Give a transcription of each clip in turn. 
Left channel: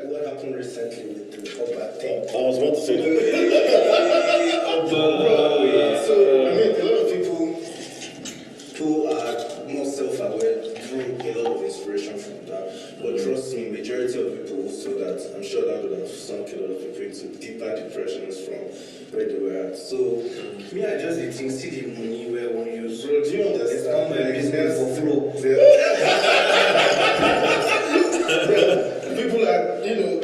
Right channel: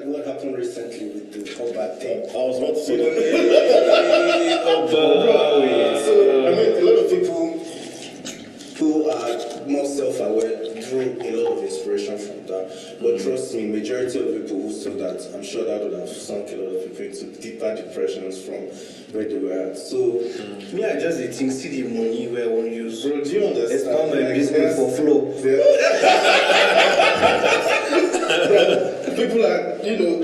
like what happened recently with the Oba thing. I was about to say that. So, I mean, a lot of people who are more self-aware drew a lot of inspiration from that. But trust me, majority of people who saw that, I'm sure that would have sunk a lot of people into deeper depressions from where they were at. So, me, I just think, see the money where one use. Bro, do you understand? It's not my business for flow. People are,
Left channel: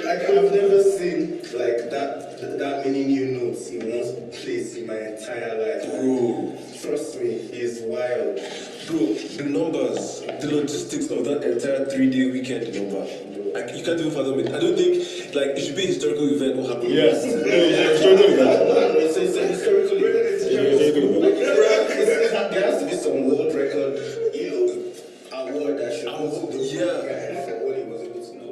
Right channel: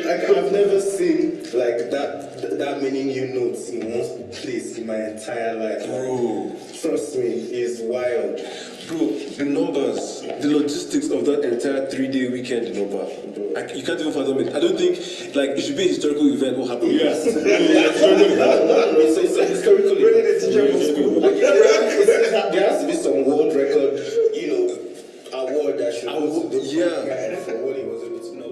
like I've never seen like that many new notes in one place in my entire life. Bro, trust me, it's wild. Bro, the numbers, the logistics of that entire 3-day weekend in Oba, like, you can't even fathom it. I don't think, like, it should be a historical event what happened. Yes. It's a historical event. There has to be some world record, award that should go to the for what he was able to know.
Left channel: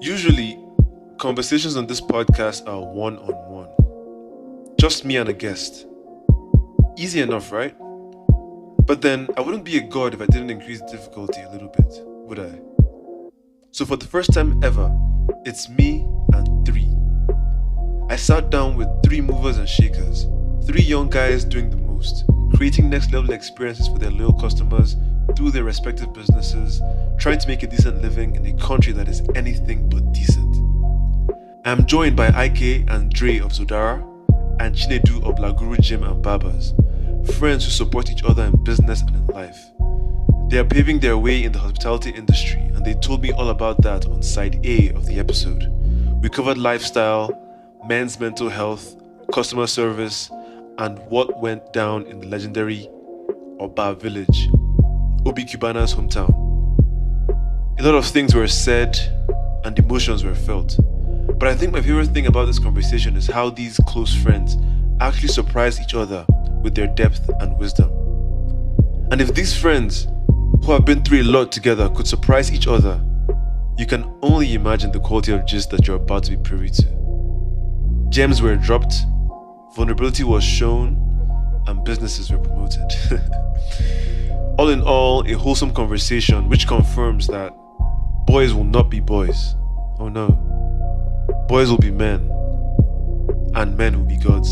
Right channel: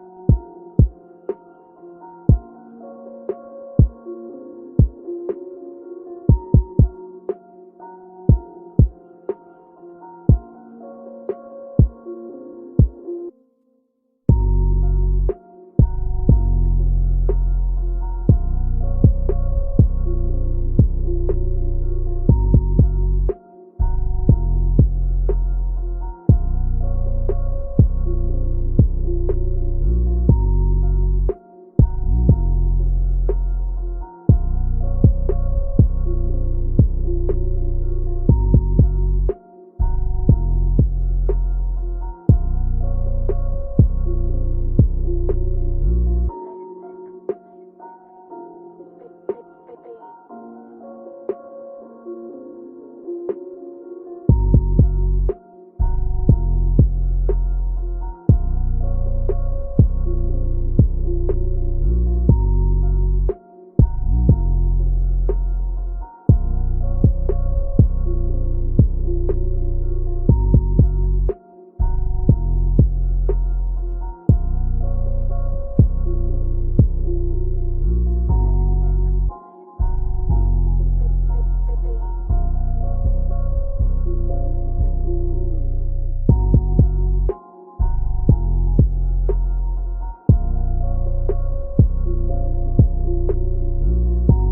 Usually, conversations on this podcast are one-on-one. Just me and a guest. Easy enough, right? But then, I wouldn't be a god if I didn't increase the difficulty a little bit, would I? So for the first time ever, it's me and 3. I sat down with 3 movers and shakers, 3 young guys doing the most, creating next-level experiences for their loyal customers through their respective businesses, trying to make a decent living in a country that is anything but decent. I'm joined by Ike and Dre of Zodara, and Chinedu of Laguru Gym and Barbers, friends who support each other in business and in life. They are paving their way in the hospitality industry, and they told me all about that on side A of the episode. We covered lifestyle, men's mental health, customer service, and what went down in the legendary Oba village, Obi Cubana's hometown. A lot of things were said and emotions were felt. But I think my favorite thing about this conversation is how these close friends actually surprise each other with their depth and wisdom. And if these friends, who have been through a lot together, could surprise each other, you can only imagine the quality of gist that you're about to be privy to. Gems were dropped, vulnerability was shown, and businesses were promoted. All in all, a wholesome conversation which confirms that boys will not be boys. Oh no. Boys will be men, and men will be gods.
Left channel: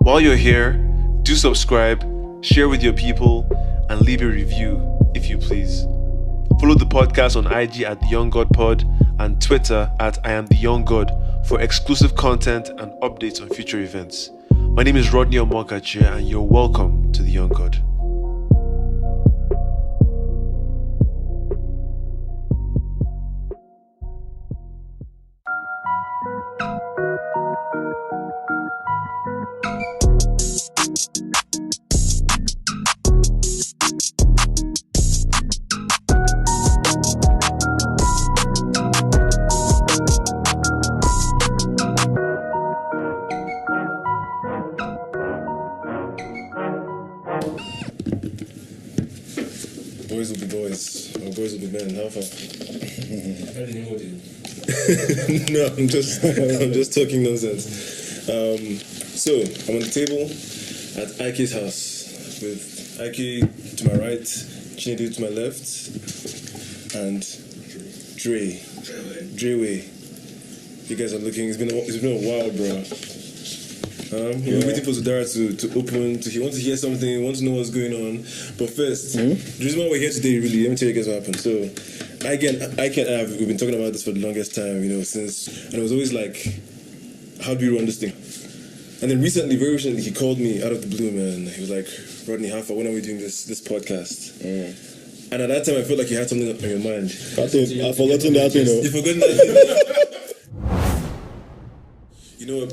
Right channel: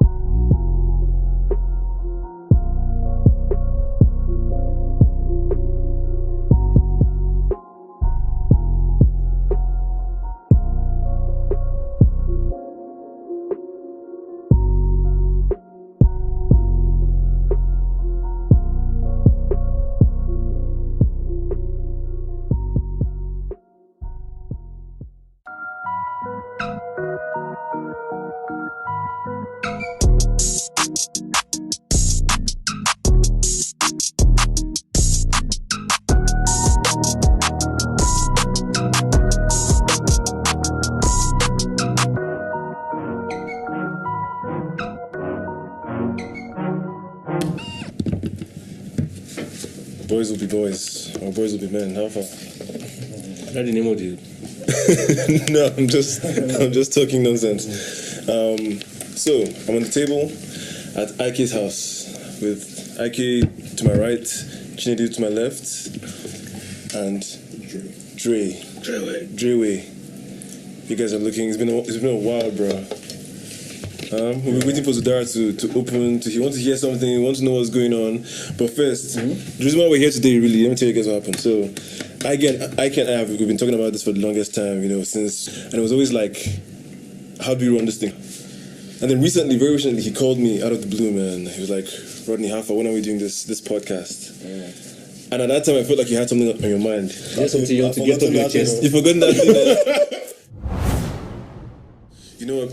While you're here, do subscribe, share with your people, and leave a review if you please. Follow the podcast on IG at The Young God Pod and Twitter at I Am The Young God for exclusive content and updates on future events. My name is Rodney Omokachi, and you're welcome to The Young God. Boys will be boys, or boys will be men. How far? How do you name it? No, I'm just talking nonsense. So I'm on the table at Ike's house with Ike to my right, Chinedu to my left, and Drewe. You guys are looking. It's been a while, bro. We're waiting for Zodara to open. He wants to hear something. He wants to know what's going on. But first, the reason why we're here today, really, let me tell you guys what happened. So, we've been talking about this for the longest time, since, and it was always like, how do we run this thing? And then very recently, he called me out of the blue, man. He was like, Rodney, how far? When are we doing this podcast? And at that time, I felt like you had something on your mind. I've forgotten that. You've forgotten that.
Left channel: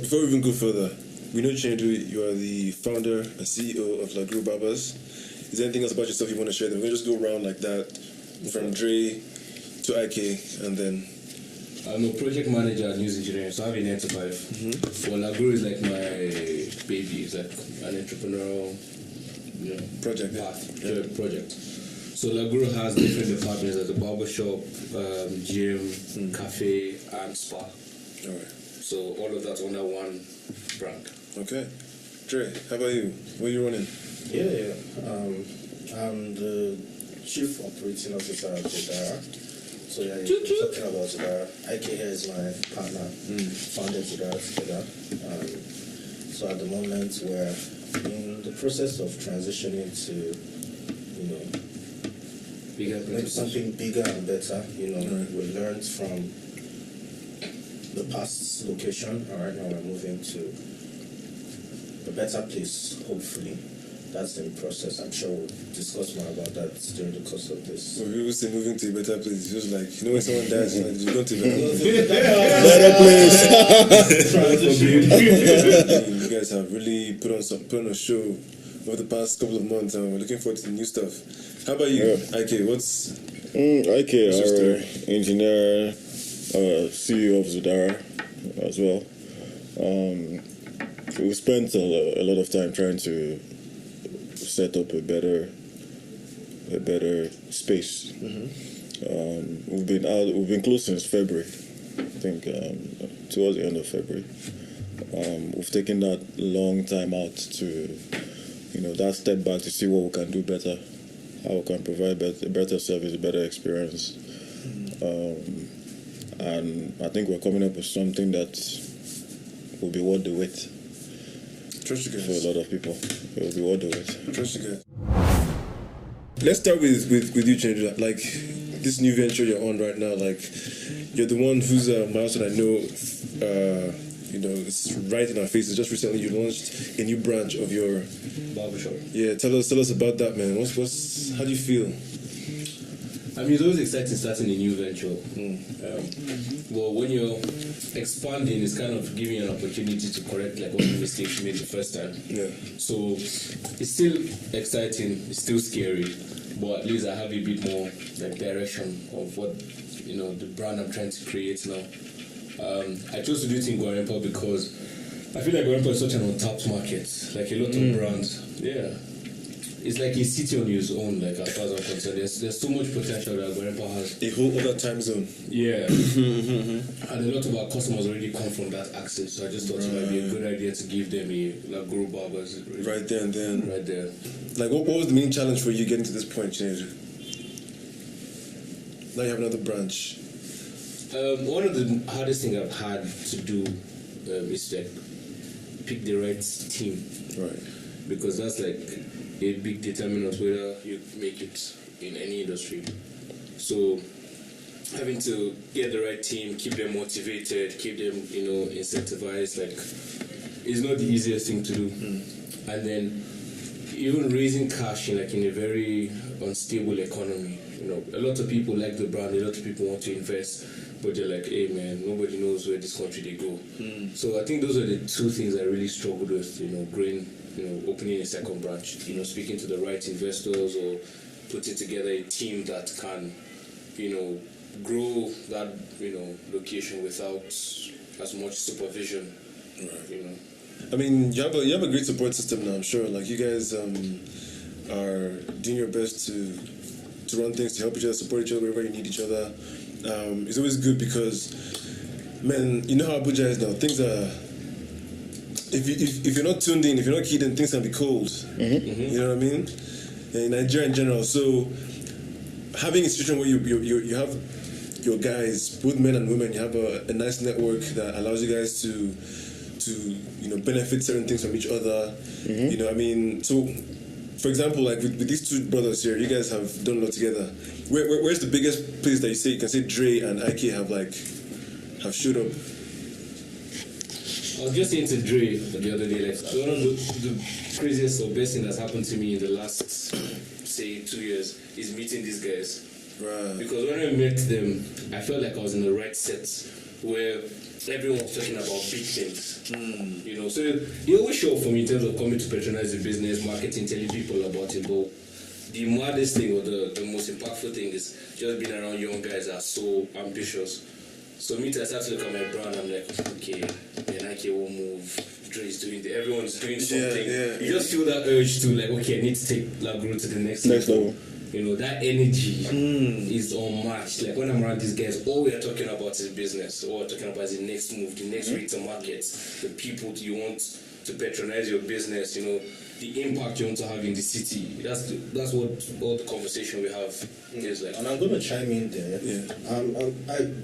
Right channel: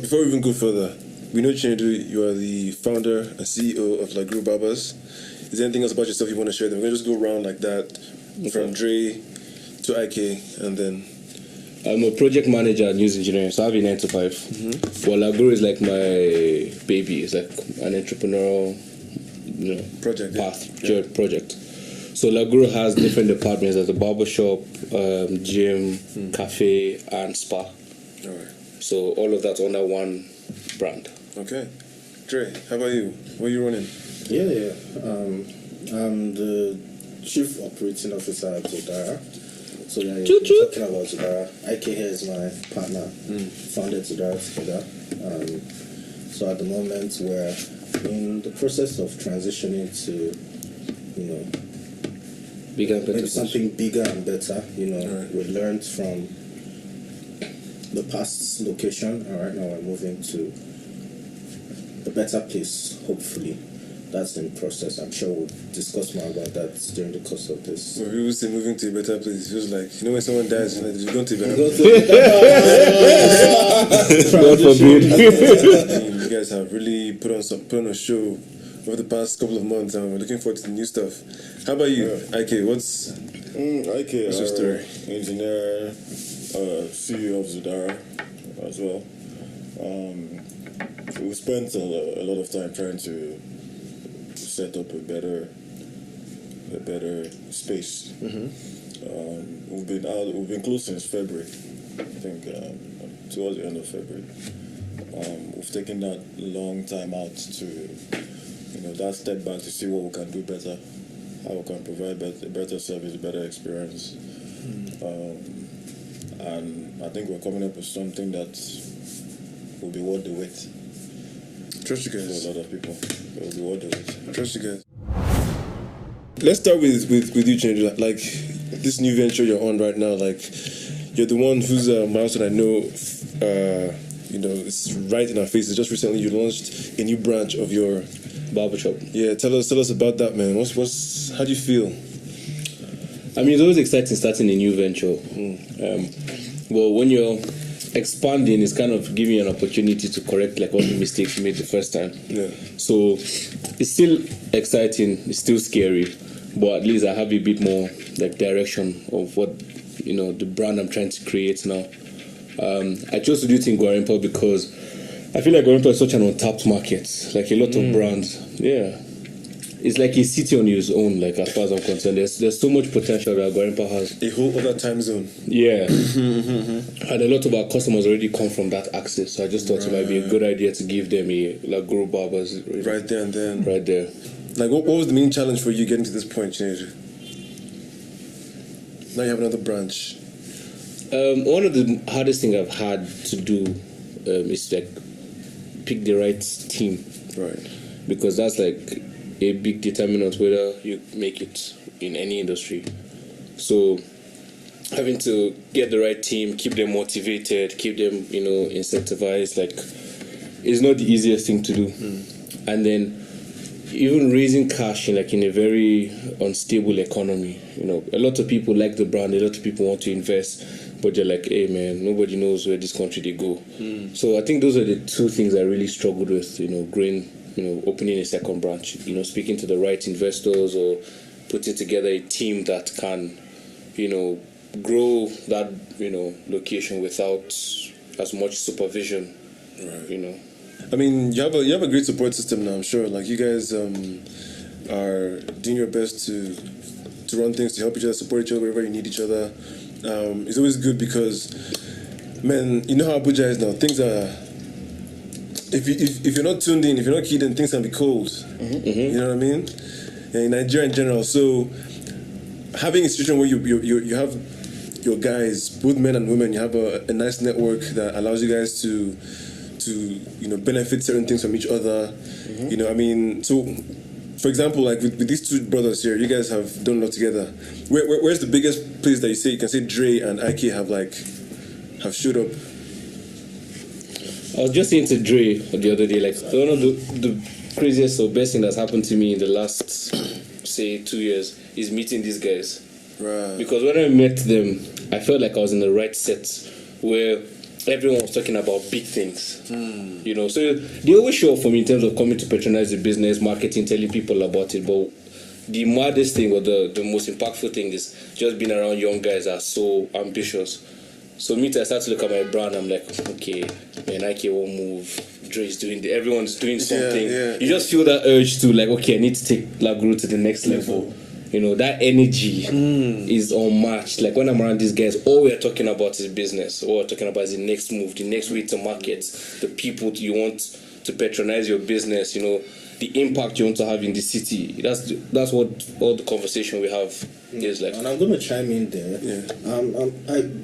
Before we even go further, we know, Chinedu, you are the founder and CEO of Laguru Barbers. Is there anything else about yourself you want to share? Then we're going to just go around like that, from Dre to Ike, and then... I'm a project manager at News Engineering, so I have a 9 to 5. Well, Laguru is like my baby. It's like an entrepreneurial project. Project. So Laguru has different departments. There's a barbershop, gym, cafe, and spa. All right. So all of that's under one brand. Okay. Dre, how about you? What are you running? Yeah. I'm the Chief Operating Officer at Zodara. So yeah, Choo choo. talking about Zodara. IK here is my partner. Founded Zodara together. So at the moment we're in the process of transitioning to, you know, Bigger and better. make something bigger and better. You know, Right. we learned from the past location, and right now we're moving to a better place, hopefully. That's in the process. I'm sure we'll discuss more about that during the course of this. When people say moving to a better place, it feels like, you know, when someone dies, you're like, you've gone to a better place. I mean, you guys have really put on a show over the past couple of months, and we're looking forward to the new stuff. How about you, IK? What's IK, your story? engineer, CEO of Zodara as well. We spent a lot of time trying to set up a better space. We've been closed since February. I think towards the end of February. We've taken that long time out to, you know, that step back to see what we can do better, how we can provide better service, better experience. And I think we're coming up with something that will be worth the wait Trust you for guys. a lot of people. It will be worth the wait. Trust you guys. Let's start with you, Chinedu. Like, this new venture you're on right now, like, you're the one who's milestone I know, you know, it's right in our faces. Just recently you launched a new branch of your Barbershop. Yeah, tell us about that, man. How do you feel? I mean, it's always exciting starting a new venture. But when you're expanding, it's kind of giving you an opportunity to correct like all the mistakes you made the first time. Yeah. So it's still exciting, it's still scary, but at least I have a bit more like direction of what, you know, the brand I'm trying to create now. I chose to do it in Guarimpa because I feel like Guarimpa is such an untapped market. Like a lot of brands. Yeah. It's like a city on its own, like as far as I'm concerned. There's so much potential that Guarimpa has. A whole other time zone. Yeah. And a lot of our customers already come from that access. So I just thought it might be a good idea to give them a like Guru Barbers Right there and then. right there. Like, what was the main challenge for you getting to this point, Chinedu? Now you have another branch. One of the hardest things I've had to do is like pick the right team, Right. because that's like a big determinant whether you make it in any industry. So having to get the right team, keep them motivated, keep them, you know, incentivized, like, is not the easiest thing to do. And then even raising cash in a very unstable economy, you know, a lot of people like the brand, a lot of people want to invest, but they're like, hey man, nobody knows where this country they go. So I think those are the two things I really struggled with, you know, growing, you know, opening a second branch, you know, speaking to the right investors or putting together a team that can, you know, grow that, you know, location without as much supervision, Right. you know. I mean, you have a great support system now. I'm sure. Like, you guys are doing your best to run things, to help each other, support each other wherever you need each other. It's always good because, man, you know how Abuja is now. Things are. If you're not tuned in, if you're not keyed in, things can be cold. You know what I mean? In Nigeria in general. So having a situation where you have your guys, both men and women, you have a nice network that allows you guys to you know, benefit certain things from each other. You know, I mean, so for example, like with these two brothers here, you guys have done a lot together. Where's the biggest place that you can say Dre and IK have showed up? I was just saying to Dre the other day, like, one of the craziest or best thing that's happened to me in the last, say, 2 years is meeting these guys. Right. Because when I met them, I felt like I was in the right set where everyone was talking about big things. You know, so they always show up for me in terms of coming to patronize the business, marketing, telling people about it. But the maddest thing or the most impactful thing is just being around young guys that are so ambitious. So I start to look at my brand, I'm like, okay, man, IK won't move. Dre is doing everyone's doing something. Yeah. You just feel that urge to like, okay, I need to take Laguru to the next level. You know, that energy is unmatched. Like when I'm around these guys, all we're talking about is business. All we're talking about is the next move, the next way to market, the people you want to patronize your business, you know. the impact you want to have in the city. That's what all the conversation we have is like. And I'm going to chime in there.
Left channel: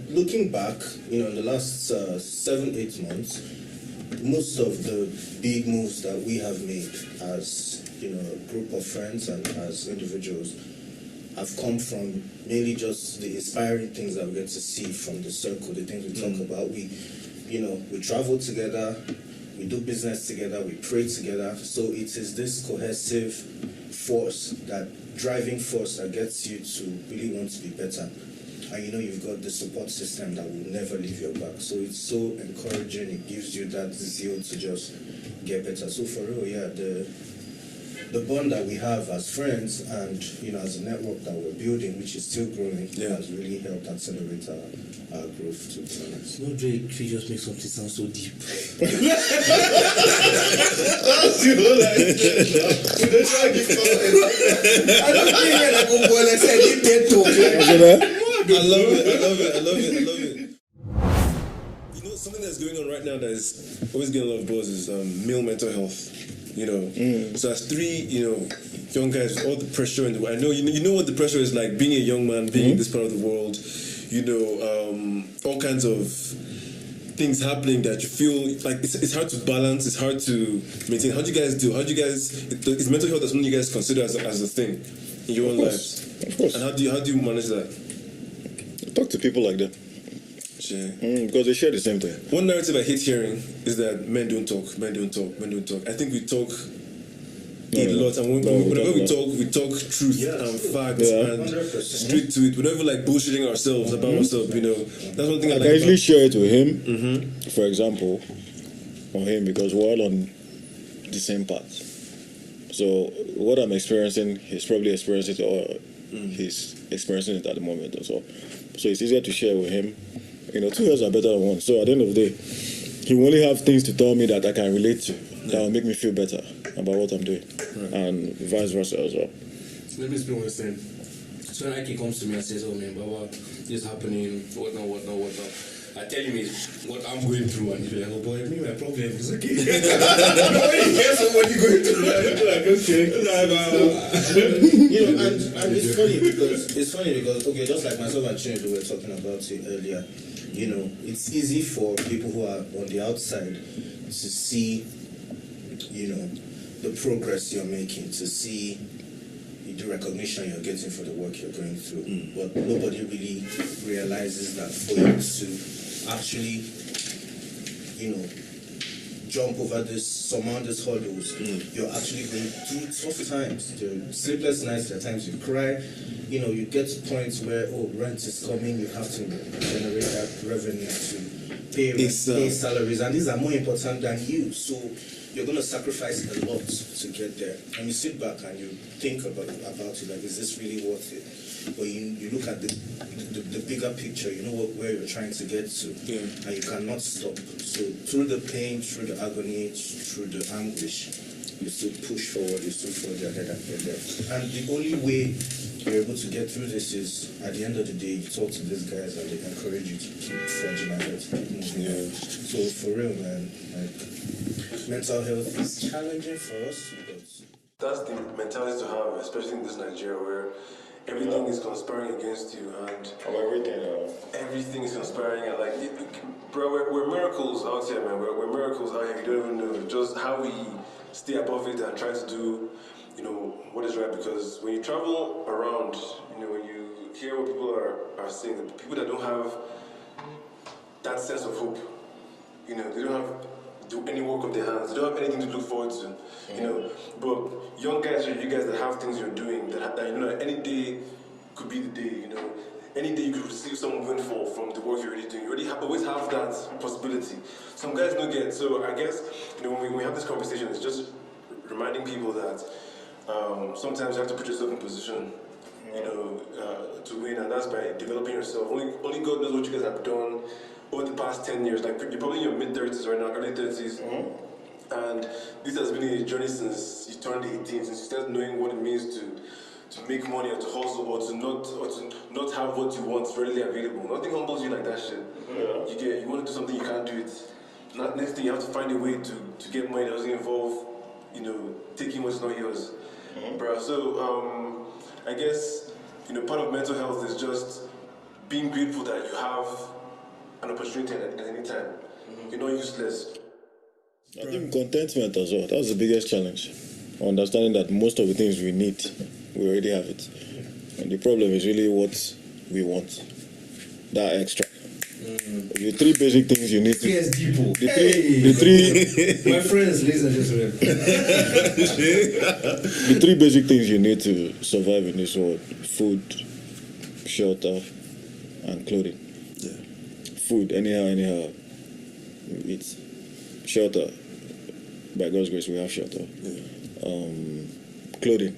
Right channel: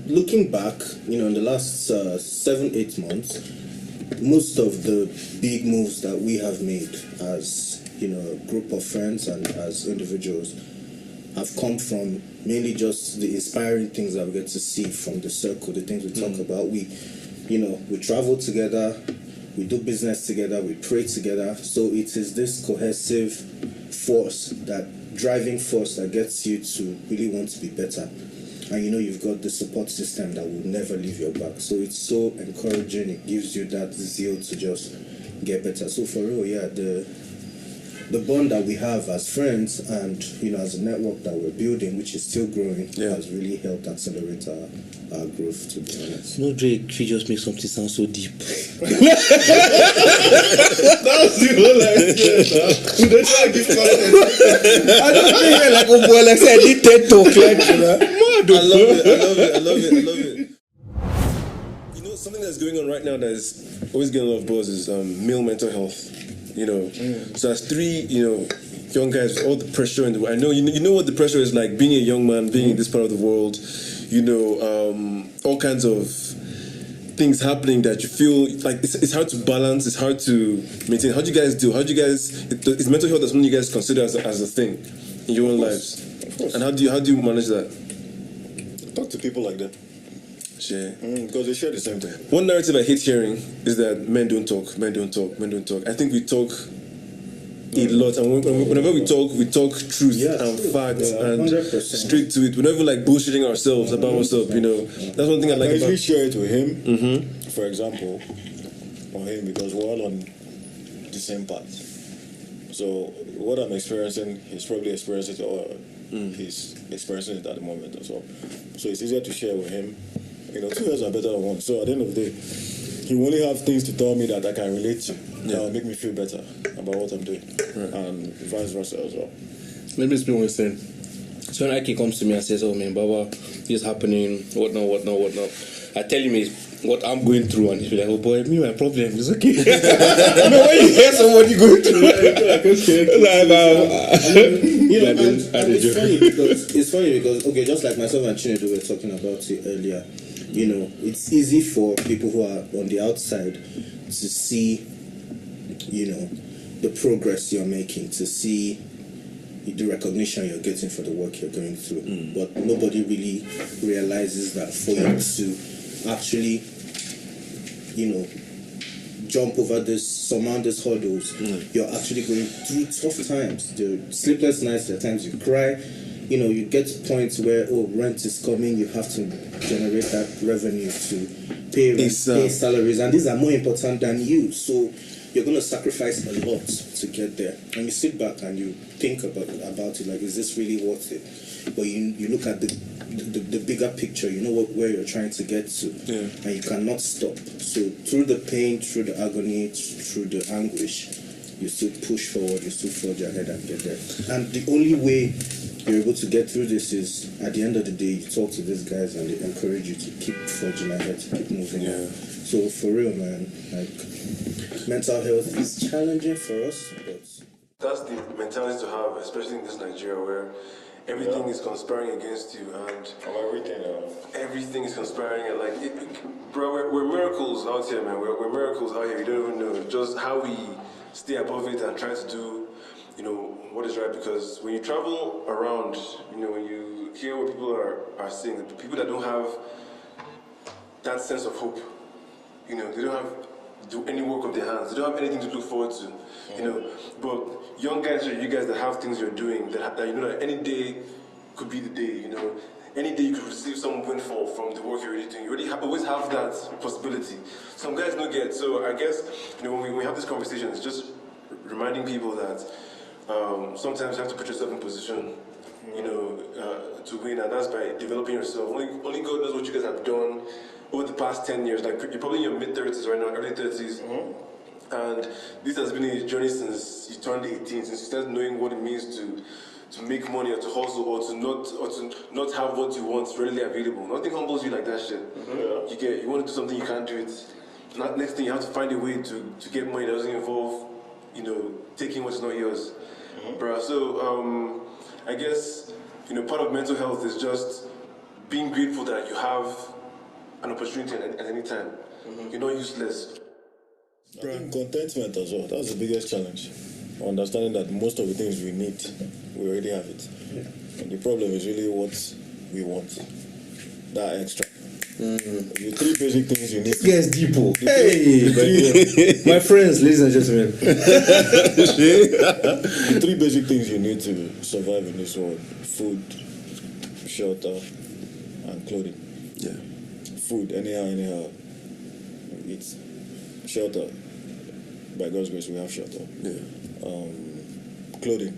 Looking back, in the last 7-8 months, most of the big moves that we have made as a group of friends and as individuals have come from mainly just the inspiring things that we get to see from the circle, the things we talk about. We travel together, we do business together, we pray together. So it is this cohesive force, driving force that gets you to really want to be better. And you've got the support system that will never leave your back. So it's so encouraging. It gives you that zeal to just get better. So for real, the bond that we have as friends and as a network that we're building, which is still growing, has really helped accelerate our growth, to be honest. No, Drake, she just makes something sound so deep. That's I don't think like a boy like said he TED talk I love it. Something that's going on right now that is always getting a lot of buzz is male mental health. So as three, young guys with all the pressure in the world. I know you know what the pressure is like being a young man, being in this part of the world. All kinds of things happening that you feel like it's hard to balance, it's hard to maintain. How do you guys do? Is mental health something you guys consider as a thing in your own lives? Of course. And how do you manage that? Talk to people like that. Sure. Because they share the same thing. One narrative I hate hearing is that men don't talk. I think we talk a lot, and whenever we talk truth and facts and 100%. straight to it. We're never like bullshitting ourselves about what's up. That's one thing I like I usually about. share it with him, for example, or him, because we're all on the same path. So what I'm experiencing, he's probably experiencing it, or he's experiencing it at the moment or so. So it's easier to share with him. 2 years are better than one. So at the end of the day, he will only have things to tell me that I can relate to, that will make me feel better about what I'm doing, and vice versa as well. Let me explain what you're saying. So when Ike comes to me and says, "Oh man, Baba, this is happening, whatnot," I tell him what I'm going through, and he's like, "Oh boy, my problem is okay." When you hear somebody going through, like, and it's funny because okay, just like myself and Chinedu were talking about it earlier. It's easy for people who are on the outside to see, the progress you're making, to see the recognition you're getting for the work you're going through. But nobody really realizes that for you to actually, jump over surmount these hurdles, you're actually going through tough times. There are sleepless nights, there are times you cry. You get to points where, rent is coming, you have to generate that revenue to pay rent, pay salaries, and these are more important than you. So you're going to sacrifice a lot to get there. And you sit back and you think about it, like, is this really worth it? But you look at the bigger picture, where you're trying to get to, and you cannot stop. So through the pain, through the agony, through the anguish, you still push forward, you still forge ahead and get there. And the only way you're able to get through this is, at the end of the day, you talk to these guys and they encourage you to keep forging ahead, keep moving on. So for real, man, like, mental health is challenging for us, but That's the mentality to have, especially in this Nigeria where everything is conspiring against you and everything is conspiring. And bro, we're miracles out here, man. We're miracles out here. You don't even know just how we stay above it and try to do, what is right. Because when you travel around, when you hear what people are saying, the people that don't have that sense of hope, they don't have do any work of their hands. They don't have anything to look forward to, But young guys, you guys that have things you're doing, that that any day could be the day, Any day you could receive some windfall from the work you're already doing. You already always have that possibility. Some guys don't get. So I guess, when we have this conversation, it's just reminding people that sometimes you have to put yourself in position, to win, and that's by developing yourself. Only God knows what you guys have done over the past 10 years. Like, you're probably in your mid-30s right now, early 30s. And this has been a journey since you turned 18, since you started knowing what it means to make money or to hustle or to not have what you want readily available. Nothing humbles you like that shit. You want to do something, you can't do it. Next thing, you have to find a way to get money that doesn't involve, taking what's not yours, bro. So I guess part of mental health is just being grateful that you have an opportunity at any time. You're not useless. I think contentment as well. That's the biggest challenge. Understanding that most of the things we need, we already have it. And the problem is really what we want. That extra. The three basic things you need. Yes, people. The My friends, ladies and gentlemen. the three basic things you need to survive in this world: food, shelter, and clothing. Yeah. Food, anyhow, you eat. Shelter. By God's grace, we have shelter. Yeah. Clothing.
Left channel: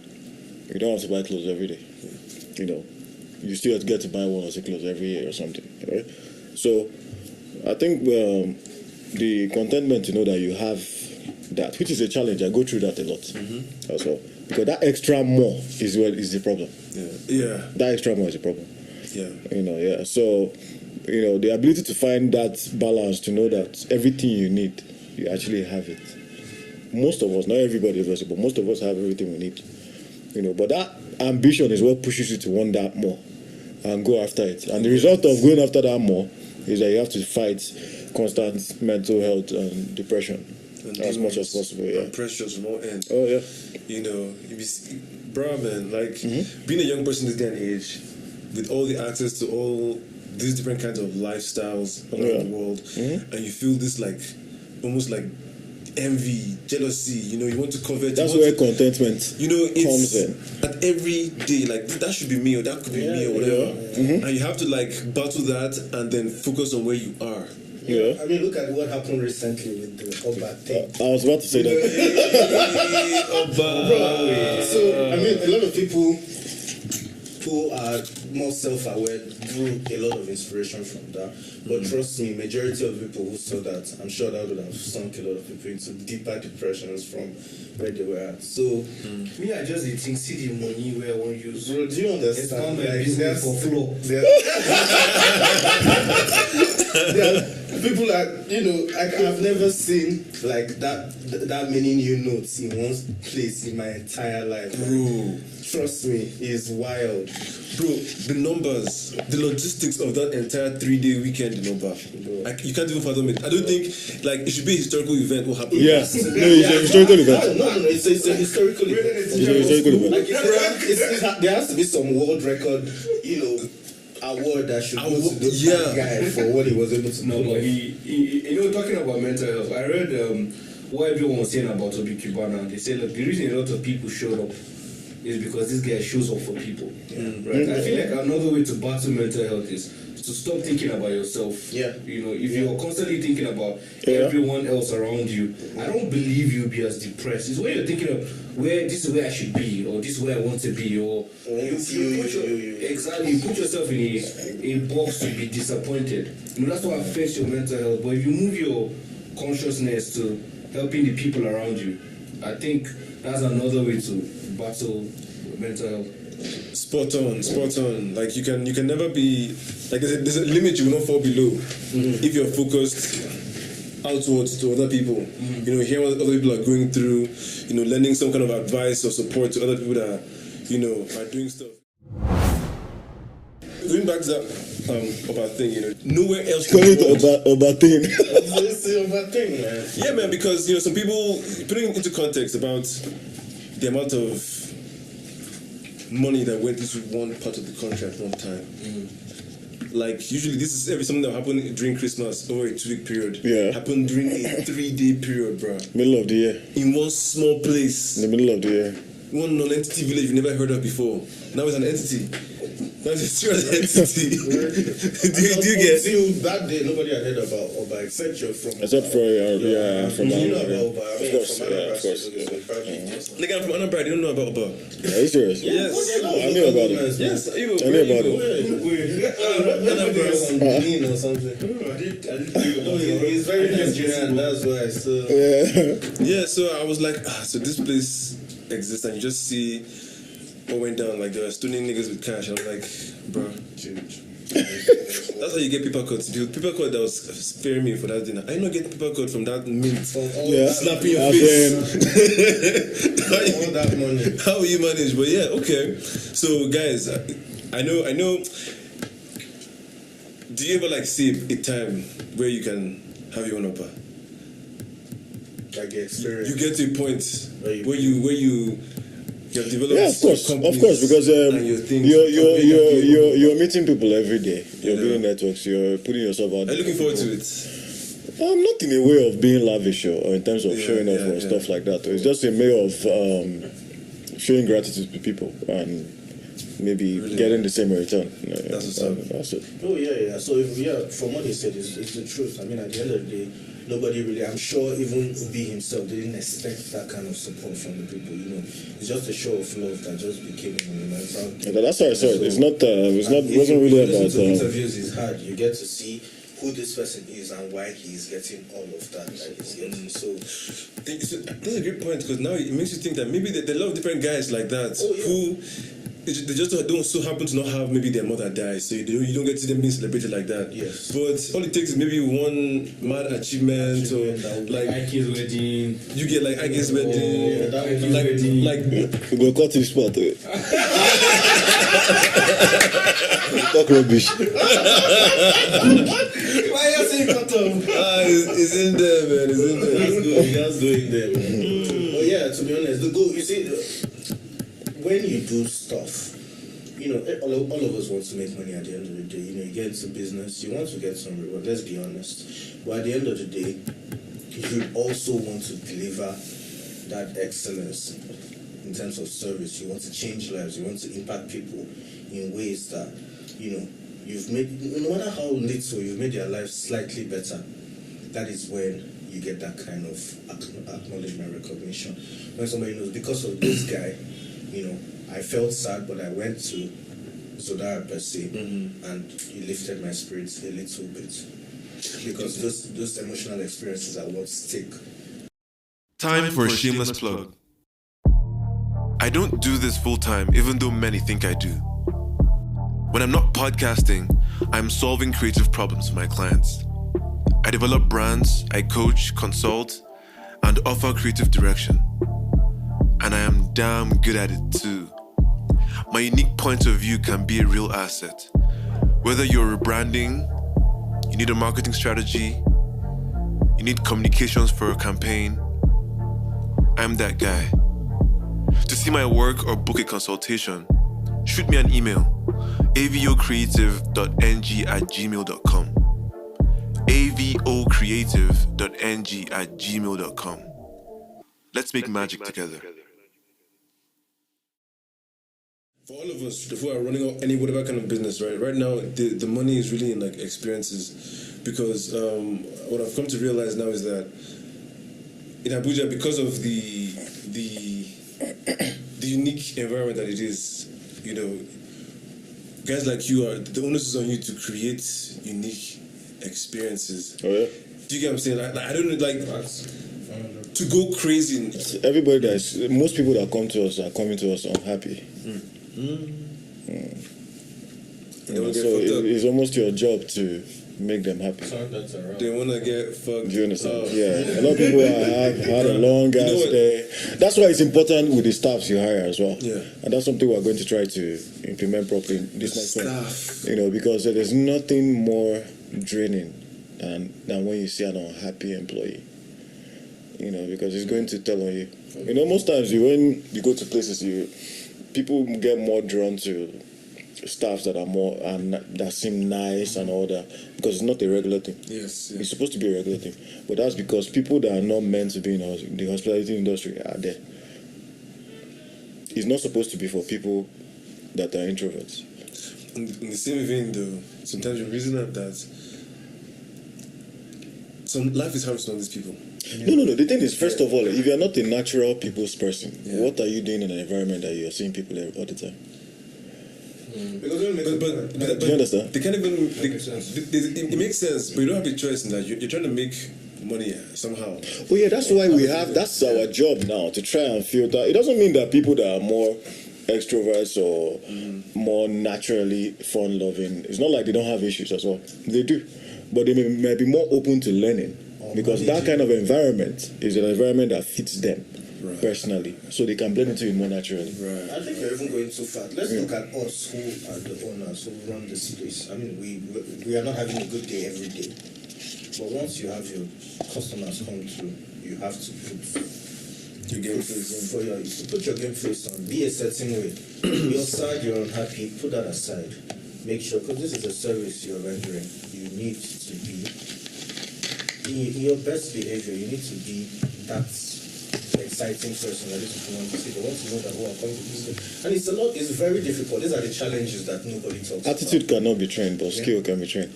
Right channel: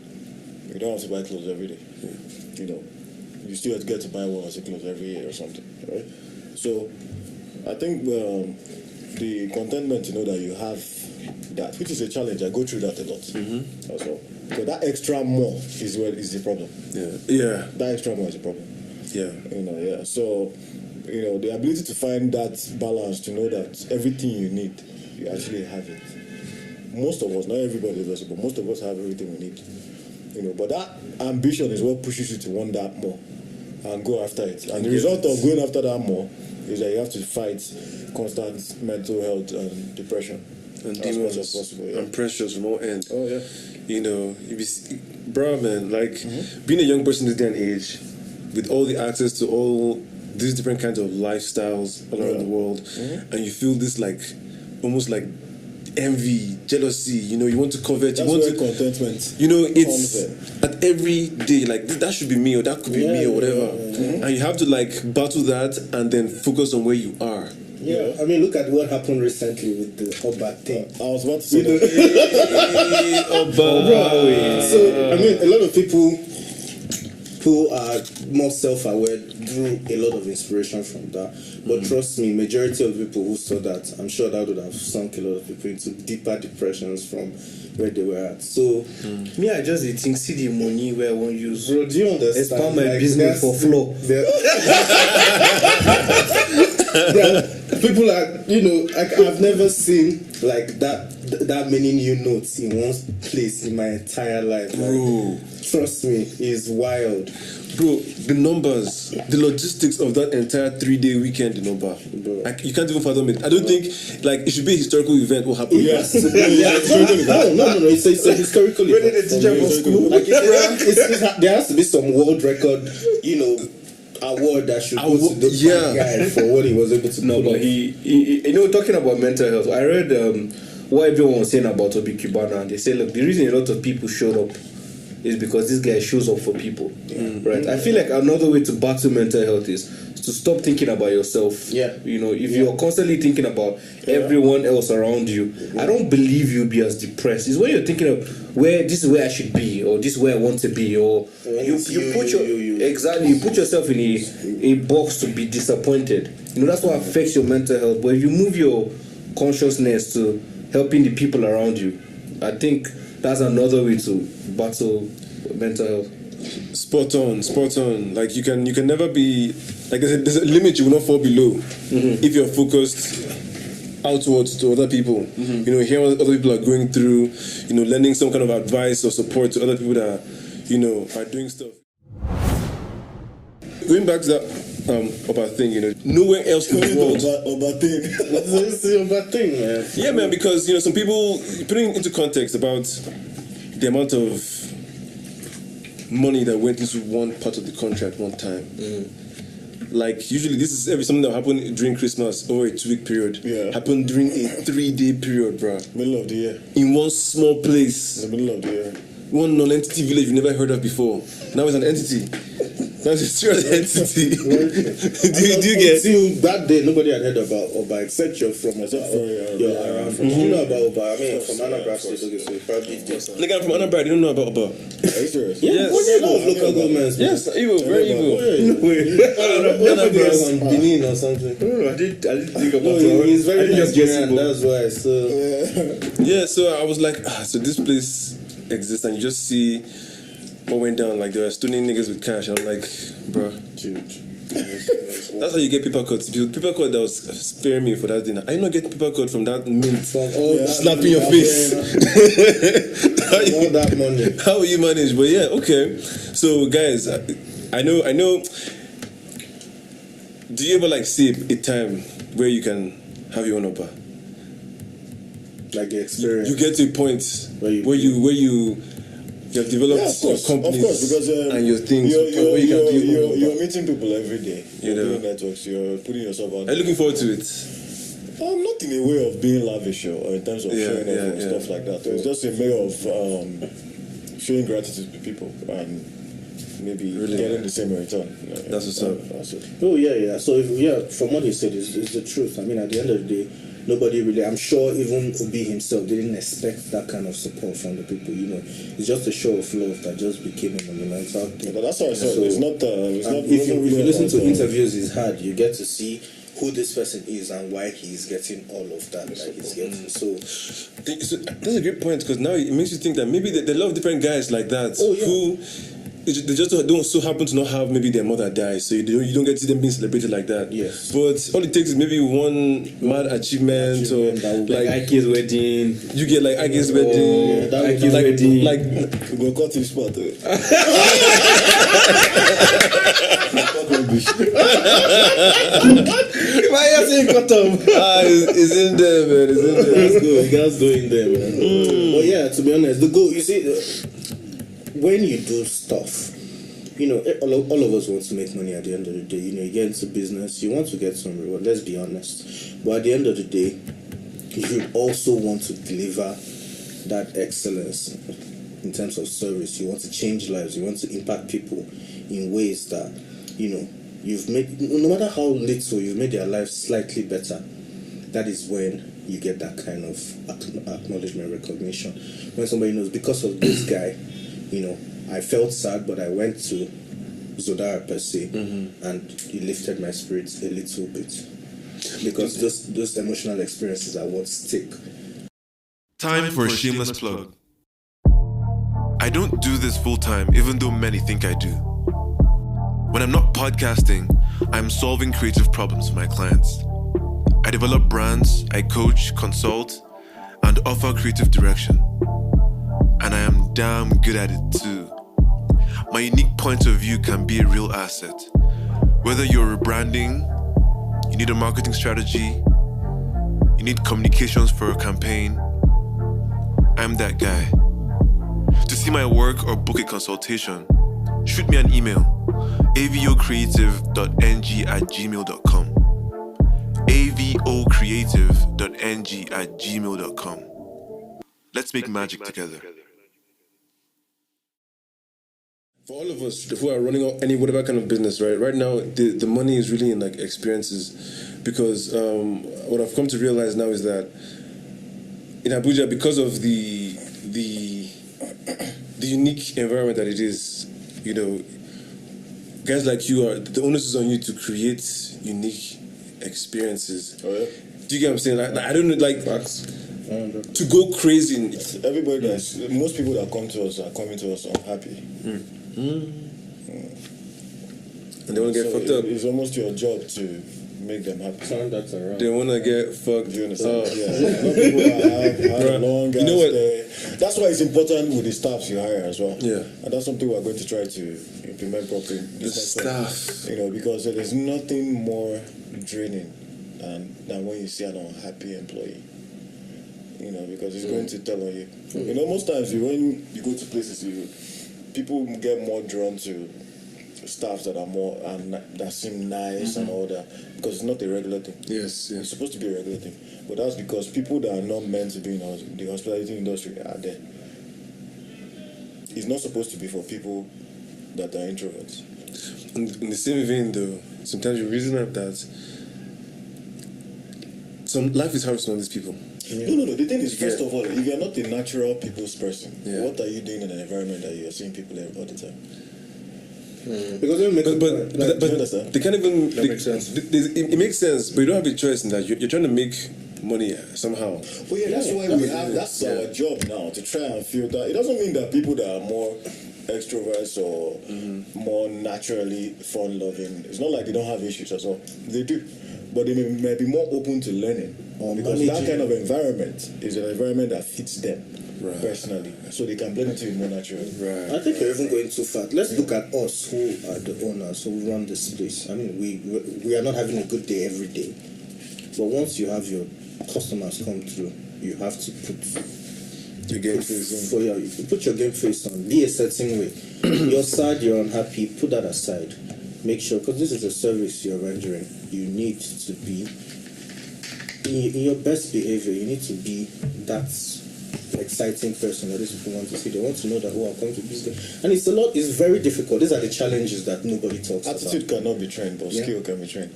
You don't have to buy clothes every day. You still have to get to buy one or two clothes every year or something, right? So, I think the contentment to know that you have that, which is a challenge. I go through that a lot as well, because that extra more is the problem. Yeah. That extra more is the problem. Yeah. So, the ability to find that balance, to know that everything you need, you actually have it. Most of us, not everybody obviously, but most of us have everything we need. But that ambition is what pushes you to want that more and go after it. And the result of going after that more is that you have to fight constant mental health and depression And as much as possible. Yeah. And pressures from all ends. Oh yeah. Bro, man, being a young person this day and age, with all the access to all these different kinds of lifestyles all around the world, and you feel this almost like envy, jealousy, you want to covet. That's where contentment it's comes in. at every day, that should be me or that could be me or whatever. And you have to battle that and then focus on where you are. Yeah. I mean, look at what happened recently with the Oba thing. I was about to say that. So, I mean, a lot of people who are more self-aware drew a lot of inspiration from that. But trust me, majority of people who saw that, I'm sure that would have sunk a lot of people into deeper depressions from where they were at. So, Me, I just think see the money where I won't use. bro, do you understand? Expand my business for flow. People are, I've never seen that many new notes in one place in my entire life. Bro. Trust me, it's wild. Bro, the numbers, the logistics of that entire 3-day weekend in Oba, you can't even fathom it. I don't think it should be a historical event. What happened? Yes. No, it's a historical event. No, it's a historical event. There has to be some world record, award that should go to this guy for what he was able to do. No, but he talking about mental health, I read what everyone was saying about Obi Cubana, and they say, look, the reason a lot of people showed up is because this guy shows up for people, right? I feel like another way to battle mental health is to stop thinking about yourself. Yeah. If you're constantly thinking about everyone else around you, I don't believe you'll be as depressed. It's when you're thinking of this is where I should be, or this is where I want to be, or you put yourself in a box to be disappointed. That's what affects your mental health. But if you move your consciousness to helping the people around you, I think that's another way to battle mental health. Spot on. You can never be there's a limit you will not fall below if you're focused outwards to other people. Hearing what other people are going through, lending some kind of advice or support to other people that are doing stuff. Going back to that Oba thing, nowhere else in the world. Oba thing. It's a bad thing, man. Yeah, man, because some people, putting into context about the amount of money that went into one part of the contract one time. Usually this is something that happened during Christmas over a 2-week period. Yeah. Happened during a 3-day period, bro. Middle of the year. In one small place. In the middle of the year. One non-entity village you never heard of before. Now it's an entity. Now it's a serious entity. do you get? Until that day, nobody had heard about Oba except you're from. Except for from you know about Oba. I mean, Of course, from Anambra of course. State, so probably just. Nigga, I'm from Anambra. They don't know about Oba. Are you serious? Yes. I knew about it. Yes, evil, very evil. Anambra from Benin or something. I did think about He's very just Nigerian, that's why. So Yeah, so I was like, so this place exists, and you just see what went down. There were stoning niggas with cash. I'm like, bro, That's how you get paper cuts. Paper cut that was sparing me for that dinner. I not get paper cut from that mint. Slapping your face. All that money. How will you manage? But yeah, okay. So guys, I know. Do you ever like see a time where you can have your own upper? Like the experience. You get to a point where you have developed Yeah, of course, companies because and your things. you're meeting people every day. You're doing networks. You're putting yourself out. Are you looking forward to it? Not in a way of being lavish or in terms of showing off or stuff like that. It's just a way of showing gratitude to people and maybe getting the same return. That's what's up. That's it. Oh yeah. So from what he said, is the truth. I mean, at the end of the day, nobody really. I'm sure even Obi himself didn't expect that kind of support from the people. You know, it's just a show of love that just became a monumental thing. Yeah, that's how I saw it. It's not. If Wasn't you really listen about. to interviews he's had, you get to see who this person is and why he's getting all of that he's getting. So that's a great point, because now it makes you think that maybe there are a lot of different guys like that who they just don't so happen to not have maybe their mother dies, so you don't get to see them being celebrated like that. Yes. But all it takes is maybe one mad achievement or like Ike's wedding. you get like Ike's wedding, Ike's wedding. like We'll cut this spot. Talk rubbish. why are you saying cut off? it's in there, man. It's in there. That's going there, man. But yeah, to be honest, the goal, you see, when you do stuff, you know, all of us want to make money at the end of the day. You know, you get into business, you want to get some reward, let's be honest. But at the end of the day, you also want to deliver that excellence in terms of service. You want to change lives, you want to impact people in ways that, you know, you've made, no matter how little, you've made their lives slightly better. That is when you get that kind of acknowledgement, recognition. When somebody knows, because of this guy, you know, I felt sad, but I went to Zodara per se, and he lifted my spirits a little bit. Because those emotional experiences are what stick. Time for a shameless plug. I don't do this full time, even though many think I do. When I'm not podcasting, I'm solving creative problems for my clients. I develop brands, I coach, consult, and offer creative direction. And I am damn good at it too. My unique point of view can be a real asset. Whether you're rebranding, you need a marketing strategy, you need communications for a campaign, I'm that guy. To see my work or book a consultation, shoot me an email, avocreative.ng@gmail.com. avocreative.ng@gmail.com. Let's make magic together. For all of us who are running any whatever kind of business, right now the money is really in like experiences, because what I've come to realize now is that in Abuja, because of the unique environment that it is, you know, guys like you are, the onus is on you to create unique experiences. Oh yeah. Do you get what I'm saying? Like I don't know, like to go crazy. Everybody most people that come to us are coming to us unhappy. And they want to get fucked up. It's almost your job to make them happy. They want to get fucked. Do you understand? Yeah. A lot of people have had a long stay. That's why it's important with the staffs you hire as well. Yeah. And that's something we're going to try to implement properly. The staff. You know, because there's nothing more draining than when you see an unhappy employee. You know, because it's going to tell on you. You know, most times when you go to places, people get more drawn to staffs that are more and that seem nice and all that, because it's not a regular thing. Yes. It's supposed to be a regular thing, but that's because people that are not meant to be in the hospitality industry are there. It's not supposed to be for people that are introverts. In the same vein, though, sometimes you reason up that some life is hard for some of these people. No. The thing is, first of all, if you're not a natural people's person, what are you doing in an environment that you're seeing people all the time? Because do you understand? They can't even. Makes sense. It makes sense, but you don't have a choice in that. You're trying to make money somehow. Well, yeah, that's why that's our job now, to try and filter. It doesn't mean that people that are more extroverts or more naturally fun-loving, it's not like they don't have issues as well. They do, but they may be more open to learning because that kind of environment is an environment that fits them personally, so they can blend into it more naturally. Right. I think you're even going too far. Let's look at us who are the owners who run this place. I mean, we are not having a good day every day, but once you have your customers come through, you have to put Your game face on. you put your game face on. Be a certain way. You're sad, you're unhappy. Put that aside. Make sure, because this is a service you're rendering. You need to be in your best behavior. You need to be that exciting person that these people want to see. They want to know that I'm going to do this. And it's very difficult. These are the challenges that nobody talks about. Attitude cannot be trained, but skill can be trained.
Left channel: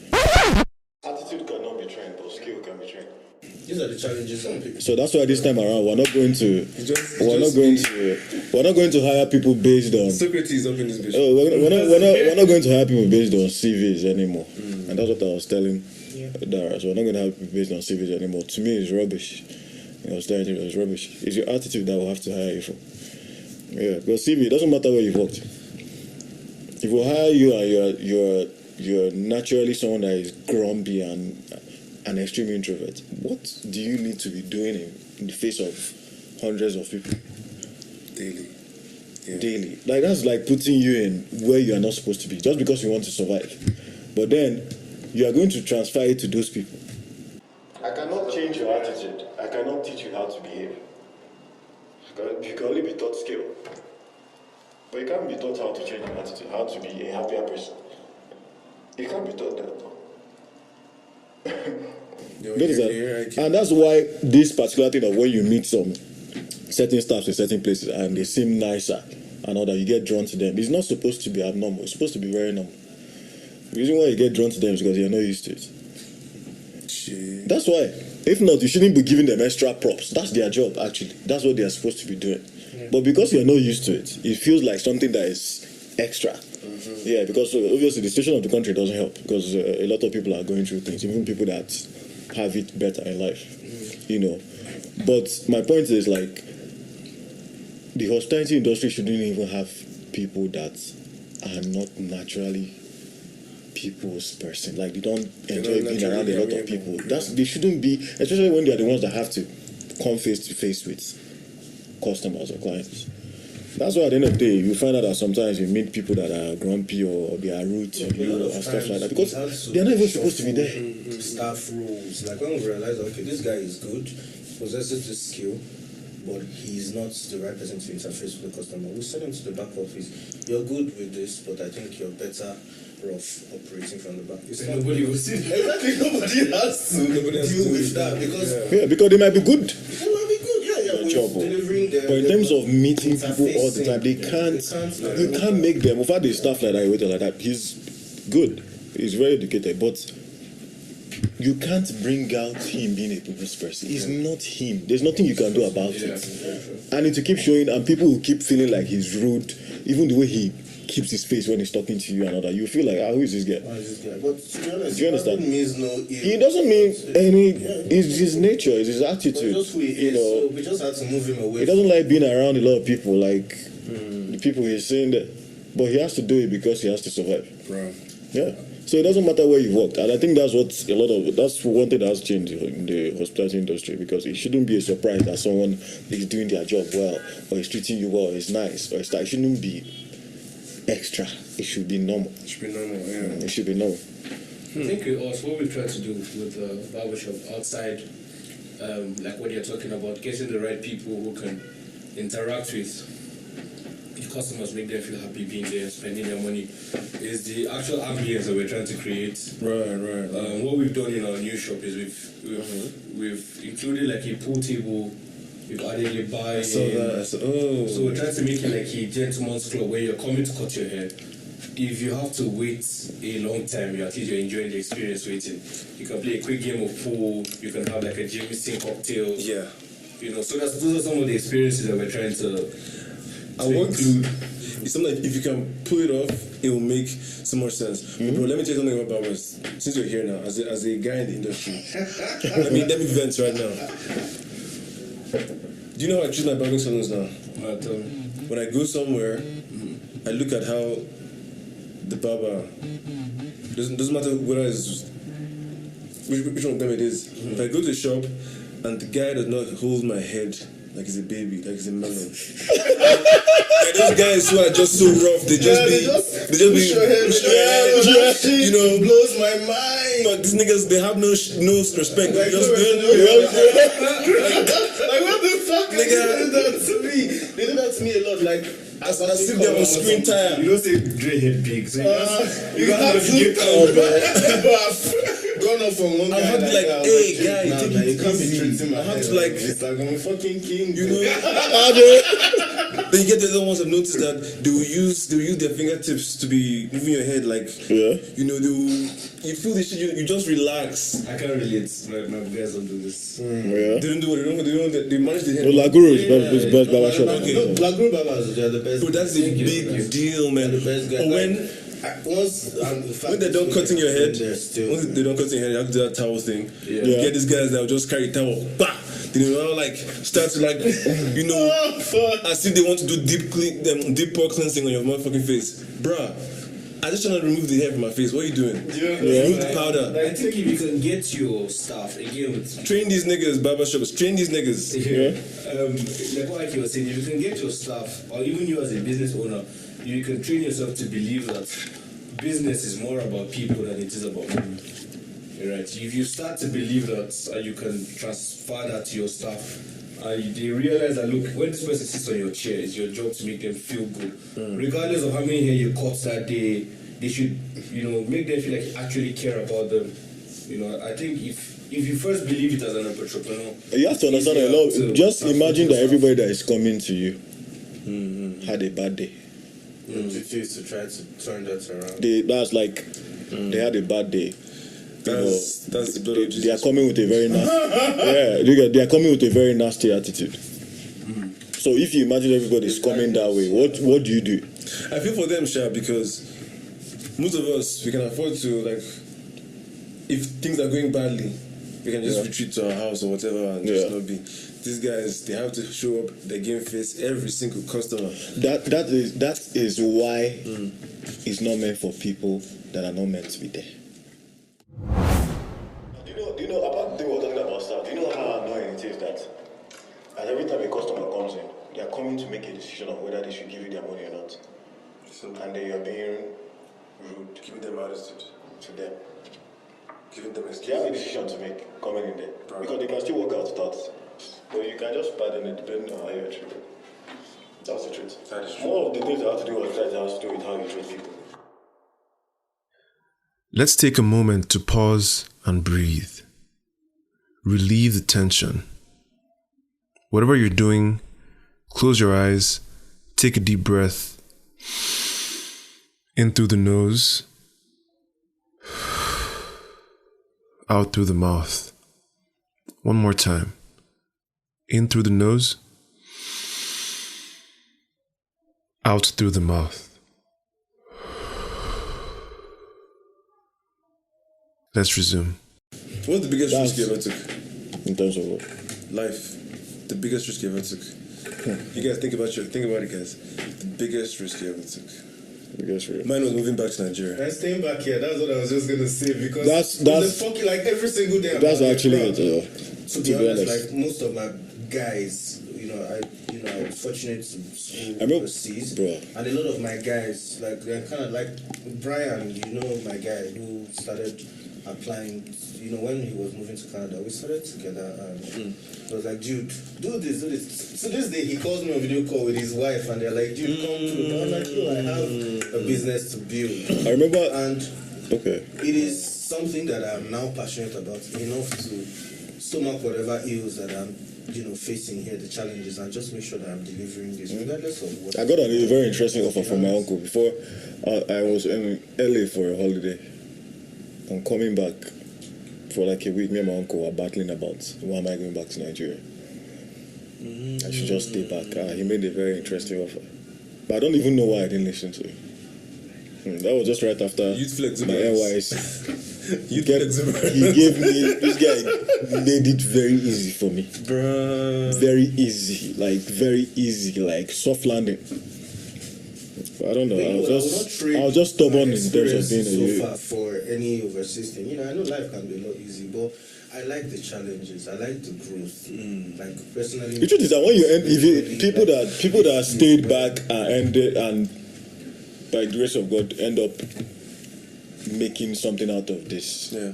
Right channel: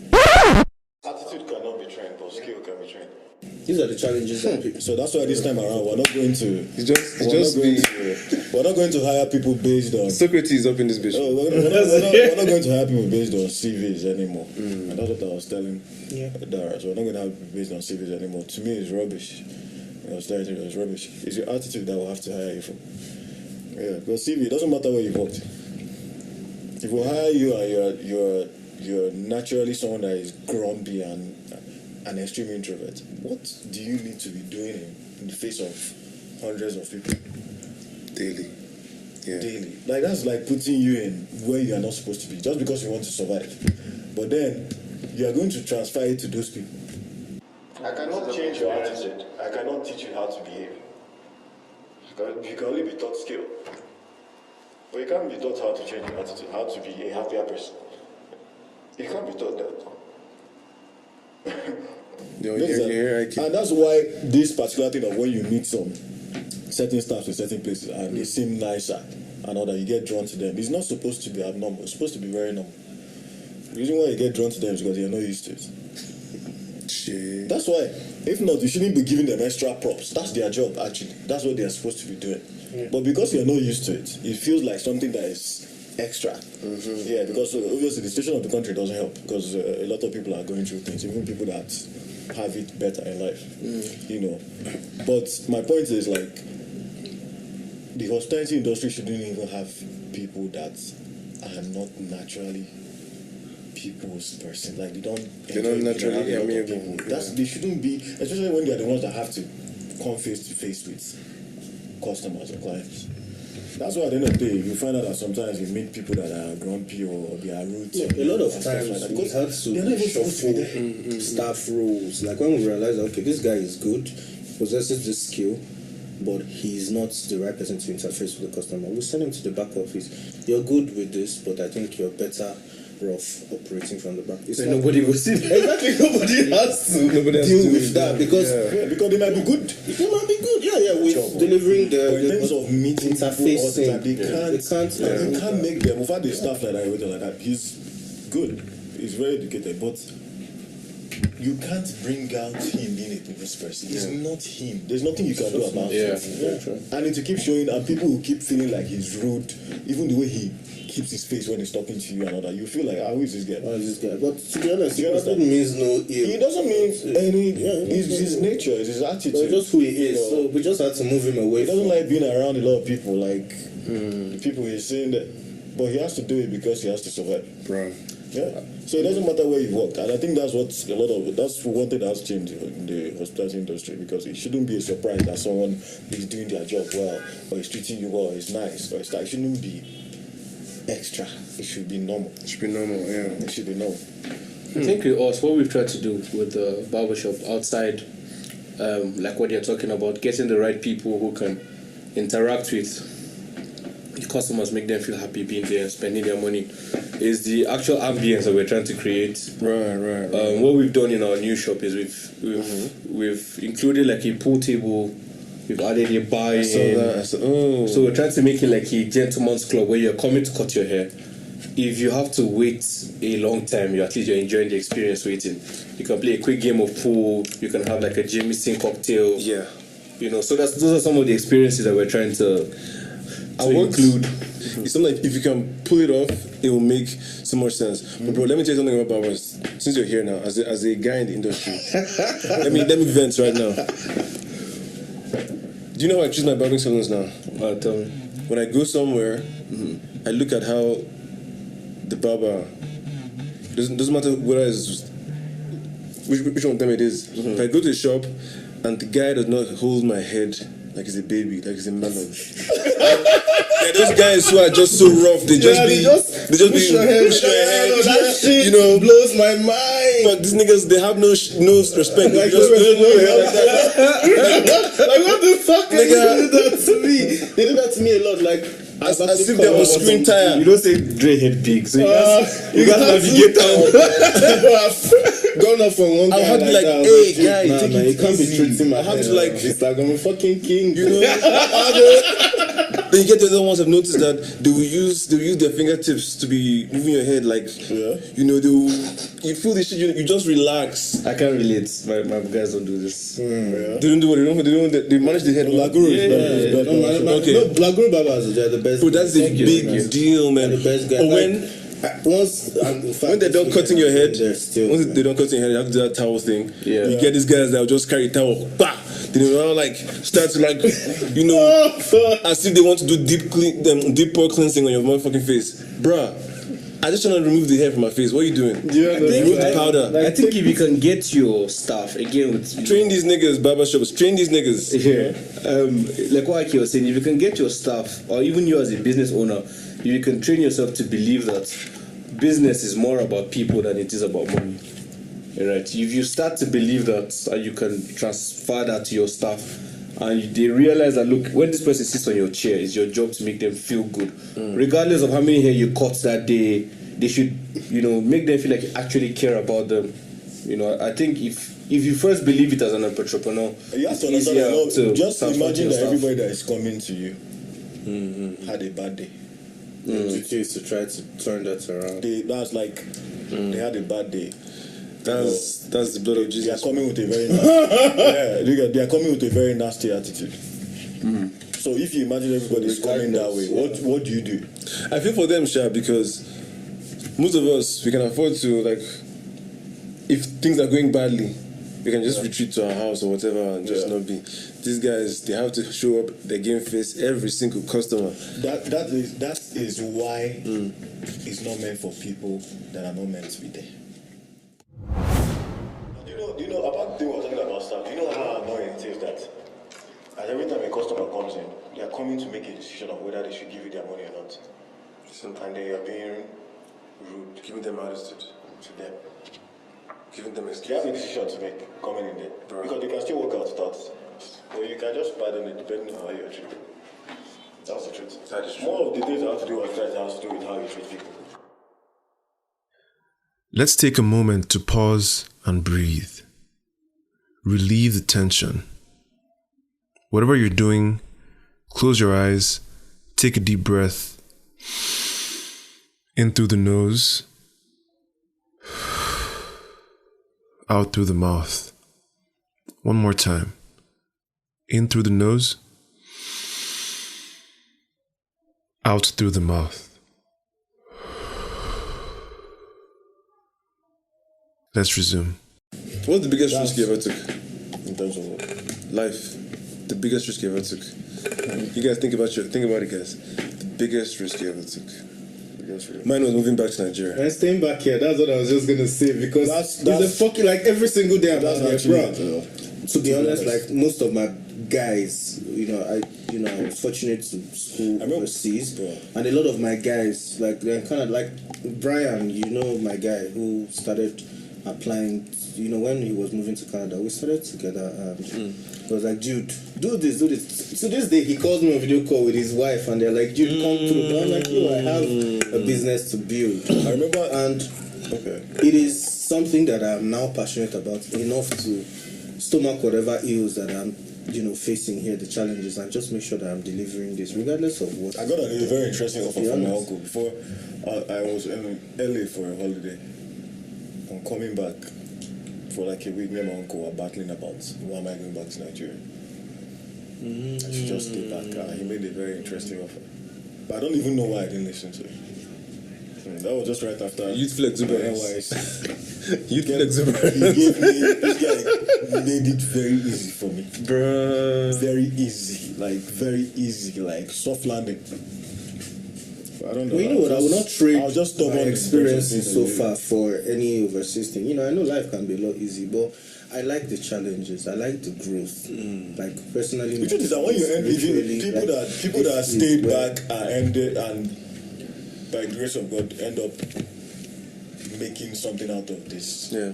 Attitude cannot be trained, but skill can be trained. These are the challenges that people. So that's why this time around we're not going to hire people based on Socrates up in this bitch. we're not going to hire people based on CVs anymore. And that's what I was telling Dara. So we're not going to hire people based on CVs anymore. To me, it's rubbish. I was telling you, it's rubbish. It's your attitude that we'll have to hire you for. Yeah, because CV, it doesn't matter where you've worked. If we hire you and you're naturally someone that is grumpy and an extreme introvert, what do you need to be doing in the face of hundreds of people Daily. Yeah. daily? Like, that's like putting you in where you are not supposed to be just because you want to survive. But then you are going to transfer it to those people. I cannot change your attitude. I cannot teach you how to behave. You can only be taught skill. But you can't be taught how to change your attitude, how to be a happier person. You can't be taught that. And that's why this particular thing of when you meet some certain staffs in certain places and they seem nicer and all that, you get drawn to them. It's not supposed to be abnormal. It's supposed to be very normal. The reason why you get drawn to them is because you're not used to it. Shit. That's why. If not, you shouldn't be giving them extra props. That's their job, actually. That's what they are supposed to be doing. Yeah. But because you're not used to it, it feels like something that is extra. Yeah, because obviously the situation of the country doesn't help because a lot of people are going through things, even people that have it better in life, you know. But my point is, like, the hospitality industry shouldn't even have people that are not naturally people's person. Like, they don't enjoy being around a lot of people. They shouldn't be, especially when they're the ones that have to come face to face with customers or clients. That's why at the end of the day, you find out that sometimes you meet people that are grumpy or they are rude to you and stuff like that because they're not even supposed to be there. Staff rules, like when we realize, okay, this guy is good, possesses this skill, but he's not the right person to interface with the customer. We'll send him to the back office. You're good with this, but I think you're better off operating from the back. Nobody will see that. Exactly, nobody has to deal with that because because they might be good. They might be good, with delivering the. But in terms of meeting people all the time, they can't. You can't make them. We've had the stuff like that, like that. He's good. He's very educated, but you can't bring out him being a people's person. He's not him. There's nothing you can do about it. And it will keep showing, and people will keep feeling like he's rude, even the way he keeps his face when he's talking to you and all that. You feel like, who is this guy? But to be honest, do you understand? It means no ill. He doesn't mean any. It's his nature. It's his attitude. It's just who he is. So we just had to move him away. He doesn't like being around a lot of people, like the people he's saying that. But he has to do it because he has to survive. Right. Yeah. So it doesn't matter where you worked, and I think that's what that's one thing that has changed in the hospitality industry, because it shouldn't be a surprise that someone is doing their job well, or is treating you well, is nice, or it shouldn't be extra. It should be normal. It should be normal, yeah. It should be normal. I think with us, what we've tried to do with the barbershop outside, like what you're talking about, getting the right people who can interact with the customers, make them feel happy being there, spending their money, is the actual ambience that we're trying to create. Right. What we've done in our new shop is we've included like a pool table. We've added a bar. So we're trying to make it like a gentleman's club where you're coming to cut your hair. If you have to wait a long time, at least you're enjoying the experience waiting. You can play a quick game of pool. You can have like a Jameson cocktail. Yeah. You know, so those are some of the experiences that we're trying to include. It's something like if you can pull it off, it will make so much sense. But bro, let me tell you something about barbers. Since you're here now, as a guy in the industry, let me vent right now. Do you know how I choose my barbering salons now? Tell me. When I go somewhere, I look at how the barber doesn't matter whether it's which one of them it is. If I go to the shop and the guy does not hold my head like he's a baby, like he's a melon. Like those guys who are just so rough, they just push your head, you know, blows my mind. But these niggas, they have no respect. Like, just like what the fuck? Nigga. They do that to me. They do that to me a lot. Like I sit there on screen time. You don't say Dre head big, so you got to navigate out. Gone up from one. I have to be like, hey guy, take it easy. I have to like, it's like I'm a fucking king. you know. Then you get the other ones I've noticed that they will use their fingertips to be moving your head like, you know, you feel this shit, you just relax. I can't relate. My guys don't do this. They don't do what they manage the head. Laguru is best barbershop. Okay. No, Laguru Barbers are the best. Bro, that's a big deal, man. The best guy. Or when they're done cutting your head, once they're done cutting your head, you have to do that towel thing. Yeah. You get these guys that will just carry towel, bah! You know, like start to like, you know, as if they want to do deep pore cleansing on your motherfucking face, bruh. I just trying to remove the hair from my face. What are you doing? Remove the powder. I think if you can get your staff again with Train these niggas, barbershops. Train these niggas. like what Aki was saying, if you can get your staff, or even you as a business owner, you can train yourself to believe that business is more about people than it is about money. Right? If you start to believe that, and you can transfer that to your staff, and they realize that, look, when this person sits on your chair, it's your job to make them feel good. Regardless of how many hair you cut that day, they should, you know, make them feel like you actually care about them. You know, I think if you first believe it as an entrepreneur, You have to understand a lot. Just imagine that everybody that is coming to you had a bad day. To try to turn that around. They had a bad day. That's the blood of Jesus. They are coming with a very nasty. They are coming with a very nasty attitude. So if you imagine everybody's coming that way, what do you do? I feel for them, Sha, because most of us, we can afford to, like, if things are going badly, we can just retreat to our house or whatever and just not be. These guys, they have to show up their game face every single customer. That is why it's not meant for people that are not meant to be there. Do you know about the thing we're talking about stuff? Do you know how annoying it is that as every time a customer comes in, they are coming to make a decision of whether they should give you their money or not. And then you're being rude, Giving them attitude. to them. Giving them You have a decision to make coming in there. Because you can still work out stats. Or you can just pardon it depending on how you're treated. That's the truth. That is true. More of the things that have to do with that has to do with how you treat people. Let's take a moment to pause and breathe. Relieve the tension. Whatever you're doing, close your eyes, take a deep breath. In through the nose, out through the mouth. One more time. In through the nose, out through the mouth. Let's resume. What's the biggest risk you ever took? In terms of what? Life. The biggest risk you ever took. You guys think about it, guys. The biggest risk you ever took. Mine was moving back to Nigeria. And staying back here, that's what I was just gonna say, because That's it's a fucking, like, every single day. That's I'm like, actually bro, it. to be honest, like most of my guys, I was fortunate to school overseas, and a lot of my guys, like, they're kind of like Brian, my guy who started applying, when he was moving to Canada, we started together, and he was like, dude, do this. So this day, he calls me on video call with his wife, and they're like, dude, come through. I'm like, I have a business to build. I remember, and it is something that I'm now passionate about enough to stomach whatever ills that I'm facing here, the challenges, and just make sure that I'm delivering this regardless of what. I got a very interesting offer from my uncle before. I was in LA for a holiday. I'm coming back for like a week. Me and my uncle were battling about why am I going back to Nigeria. I should just stay back. He made a very interesting offer, but I don't even know why I didn't listen to him. That was just right after Youthful exuberance. Youthful exuberance. He gave me, this guy made it very easy for me. Bruh. Very easy, like soft landing. I don't know. I will not trade I was just stubborn my in terms of being experiences a so youth. far for any overseas thing. You know, I know life can be a lot easy, but I like the challenges. I like the growth. Like personally, The truth is that when you end, if you, really, people that stayed back and ended and by the grace of God end up making something out of this. Yeah.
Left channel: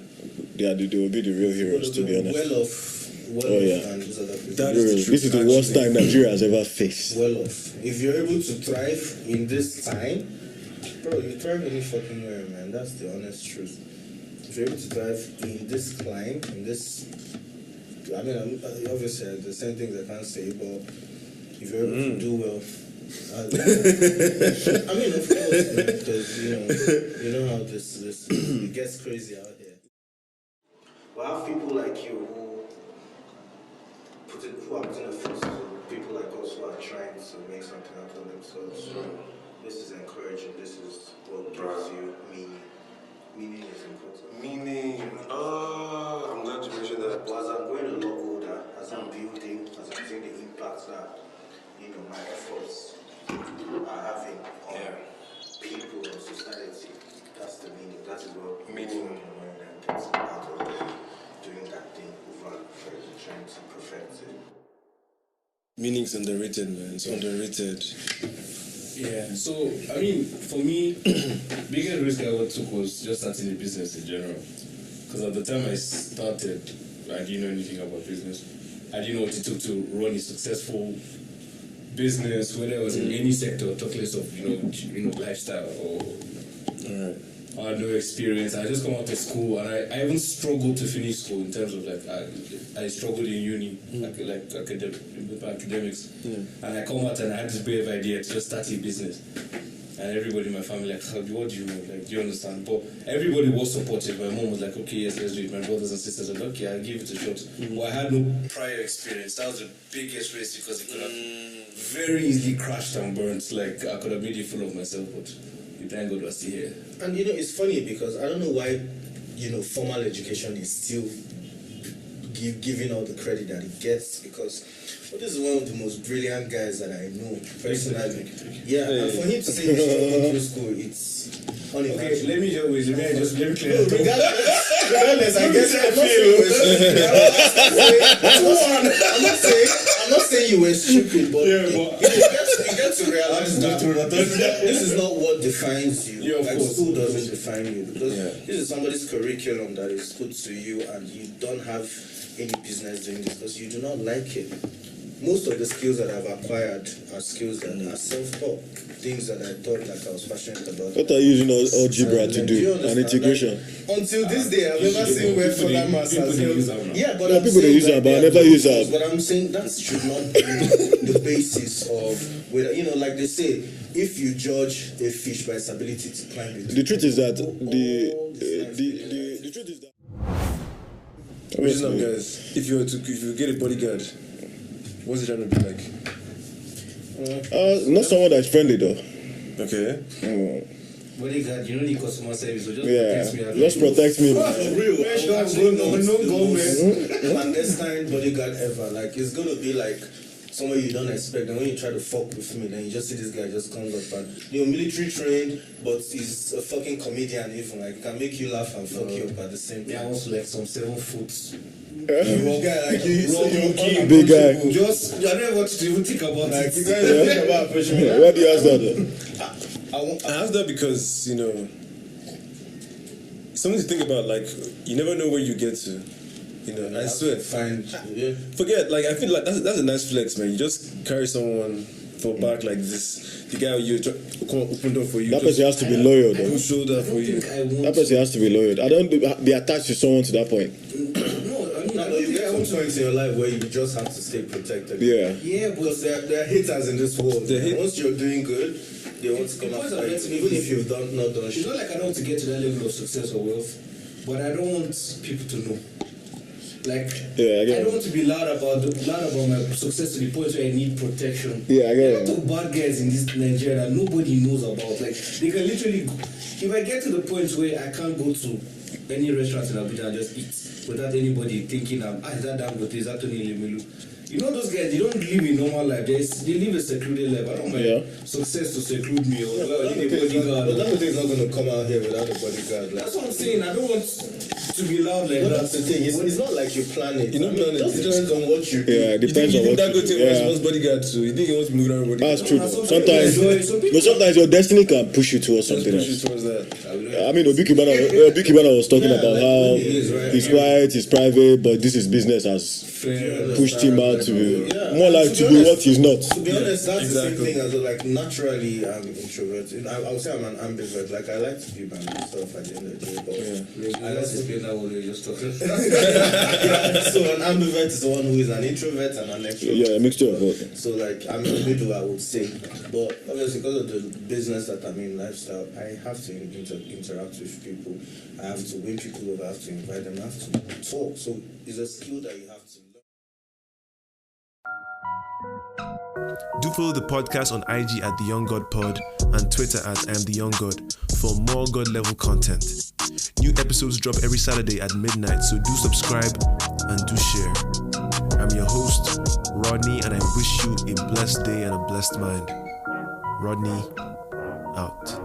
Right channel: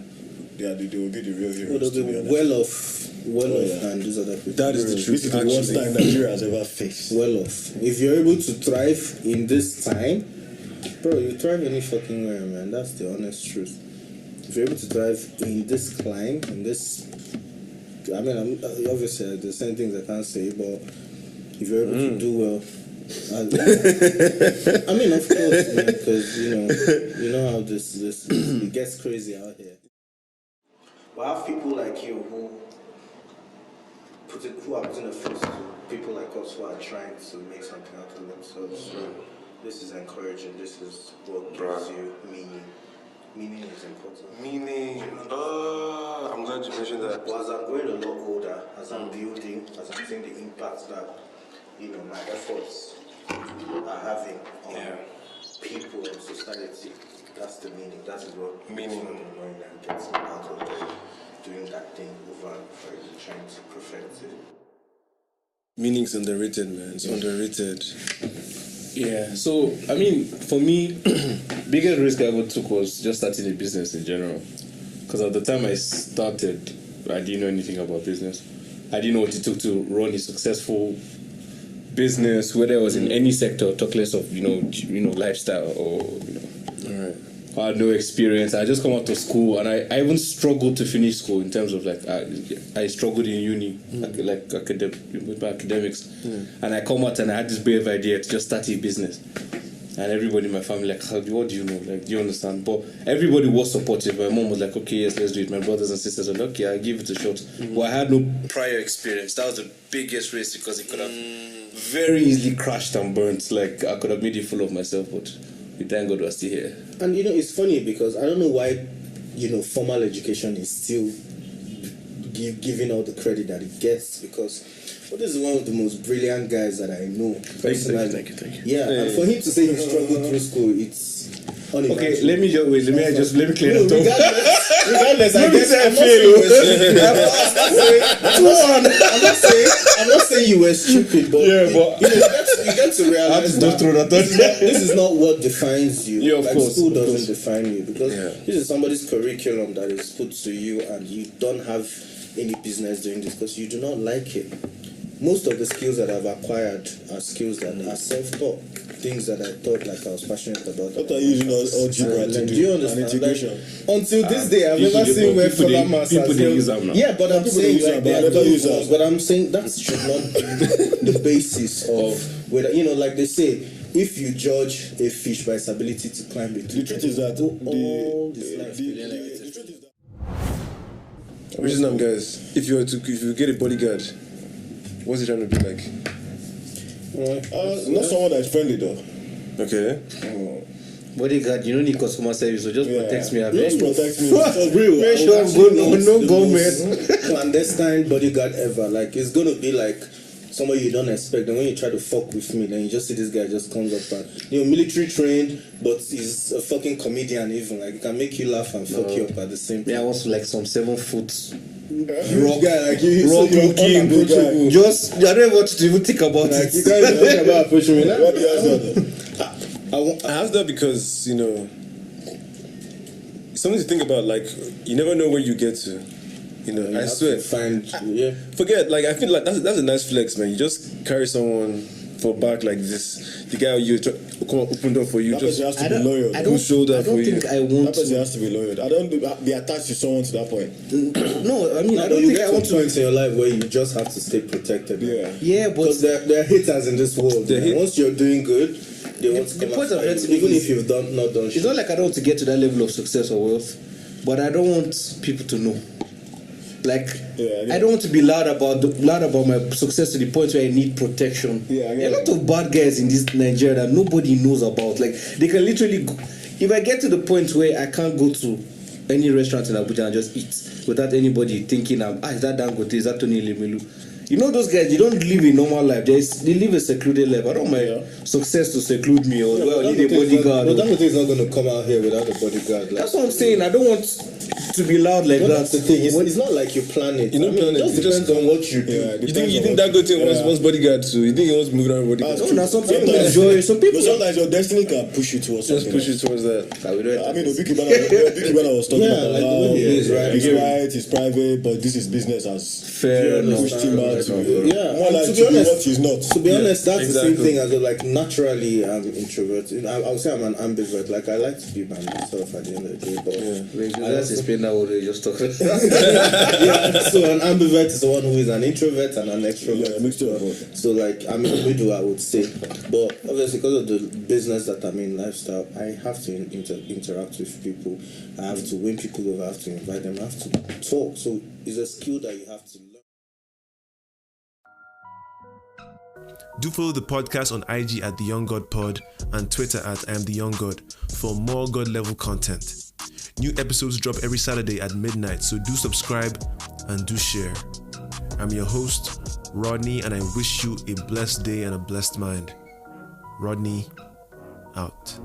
They will be the real heroes, to be honest. well off, and these other people. That is the truth. This is the worst time Nigeria has ever faced. Well off. If you're able to thrive in this time, bro, you thrive any fucking where, man. That's the honest truth. If you're able to thrive in this climb, in this, I mean, obviously there's certain things I can't say, but if you're able to do well, I mean, of course, because you know how this it gets crazy out here. We have people like you who are putting a face to people like us who are trying to make something out of themselves. So this is encouraging. This is what gives you meaning. Meaning is important. Meaning, I'm glad you mentioned that. But as I'm growing a lot older, as I'm building, as I'm seeing the impact that my efforts are having on people and society, that's the meaning. That is what makes me going and getting out of doing that thing over and over again, trying to perfect it. Meaning's underrated, man. It's underrated. Yeah, so I mean, for me, biggest risk I ever took was just starting a business in general. Because at the time I started, I didn't know anything about business. I didn't know what it took to run a successful business, whether it was in any sector, talk less of lifestyle or. All right. I had no experience. I just come out of school, and I even struggled to finish school in terms of I struggled in uni, with my academics, and I come out and I had this brave idea to just start a business, and everybody in my family what do you know? Do you understand? But everybody was supportive. My mom was like, okay, yes, let's do it. My brothers and sisters were like, okay, I'll give it a shot. But I had no prior experience. That was the biggest risk because it could have very easily crashed and burnt. Like I could have made a fool of myself, but. Thank God we're still here. And it's funny because I don't know why, formal education is still giving all the credit that it gets because this is one of the most brilliant guys that I know personally. Thank you. Yeah, and for him to say he struggled through school, it's unimaginable. Okay, let me clear that up. Regardless, I guess I'm not saying you were stupid, but you get to realize that this is not what defines you. Yeah, of course. School doesn't define you because this is somebody's curriculum that is put to you, and you don't have any business doing this because you do not like it. Most of the skills that I've acquired are skills that are self-taught, things that I thought I was passionate about. What are you using algebra to do? An integration? Until this day, I've never seen where fuller mass has use them now. Yeah, but Yeah, I'm people saying use that, but I never use that. But I'm saying that should not be the basis of whether like they say, if you judge a fish by its ability to climb it. The truth is that the truth is that. Original guys, if you get a bodyguard, what's it trying to be like? Not someone that's friendly though. Okay. Bodyguard, you don't need customer service, so just protect me. Just protect me. Real. Make sure I'm good, no government. Clandestine bodyguard ever. Like it's gonna be like somewhere you don't expect. And when you try to fuck with me, then you just see this guy just comes up and military trained, but he's a fucking comedian even. Like can make you laugh and fuck you up at the same time. Yeah, I was like some 7 foot rock guy, like you rock looking big guy. Just I don't want to even think about like, it. you guys are talking about pushing me. Why do you ask that? I asked that because something to think about. Like you never know where you get to. I swear. Forget. Like I feel like that's a nice flex, man. You just carry someone for back like this. The guy you come open door for you. That person has to be loyal. Push shoulder for you. That person has to be loyal. I don't be attached to someone to that point. No, I mean, I don't You think get I want to points in your life where you just have to stay protected. Yeah, but Because there are haters in this world. Once you're doing good, they want to the come point after I'm you, trying to even make if you've not done it's shit. not like I don't want to get to that level of success or wealth, but I don't want people to know. Like I don't want to be loud about my success to the point where I need protection. Yeah, I get there are a lot of bad guys in this Nigeria that nobody knows about. Like they can literally if I get to the point where I can't go to any restaurant in Abuja and just eat without anybody thinking is that Dangote, is that Tony Lemelu? You know those guys, they don't live a normal life. They live a secluded life. I don't mind success to seclude me or need a bodyguard. But that is not going to come out here without a bodyguard. That's what I'm saying. I don't want to be loud like that. That's the thing. It's not like you plan it. You don't plan it. It just on what you do. Yeah, You think that good thing wants bodyguard too? You think he wants to move around bodyguard? That's true. Sometimes Sometimes your destiny can push you towards Just something push you else. towards that. I mean, Obi Kibana was talking about like how it is, right? he's quiet, he's private, but this is business has fair pushed him out to Yeah. more like To to be be honest- what he's not. To be honest, that's exactly. the same thing as well, like naturally I'm introverted. I would say I'm an ambivert. Like I like to be by myself at the end of the day, but Let's explain that what we just talking. yeah, so an ambivert is the one who is an introvert and an extrovert. Yeah, a mixture of both. So like I'm in the middle, I would say. But obviously because of the business that I'm in, lifestyle, I have to interact with people. I have to win people over, I have to invite them, I have to talk. So it's a skill that you have to learn. Do follow the podcast on IG at The Young God Pod and Twitter at I Am The Young God for more God level content. New episodes drop every Saturday at midnight, so do subscribe and do share. I'm your host, Rodney, and I wish you a blessed day and a blessed mind. Rodney, out.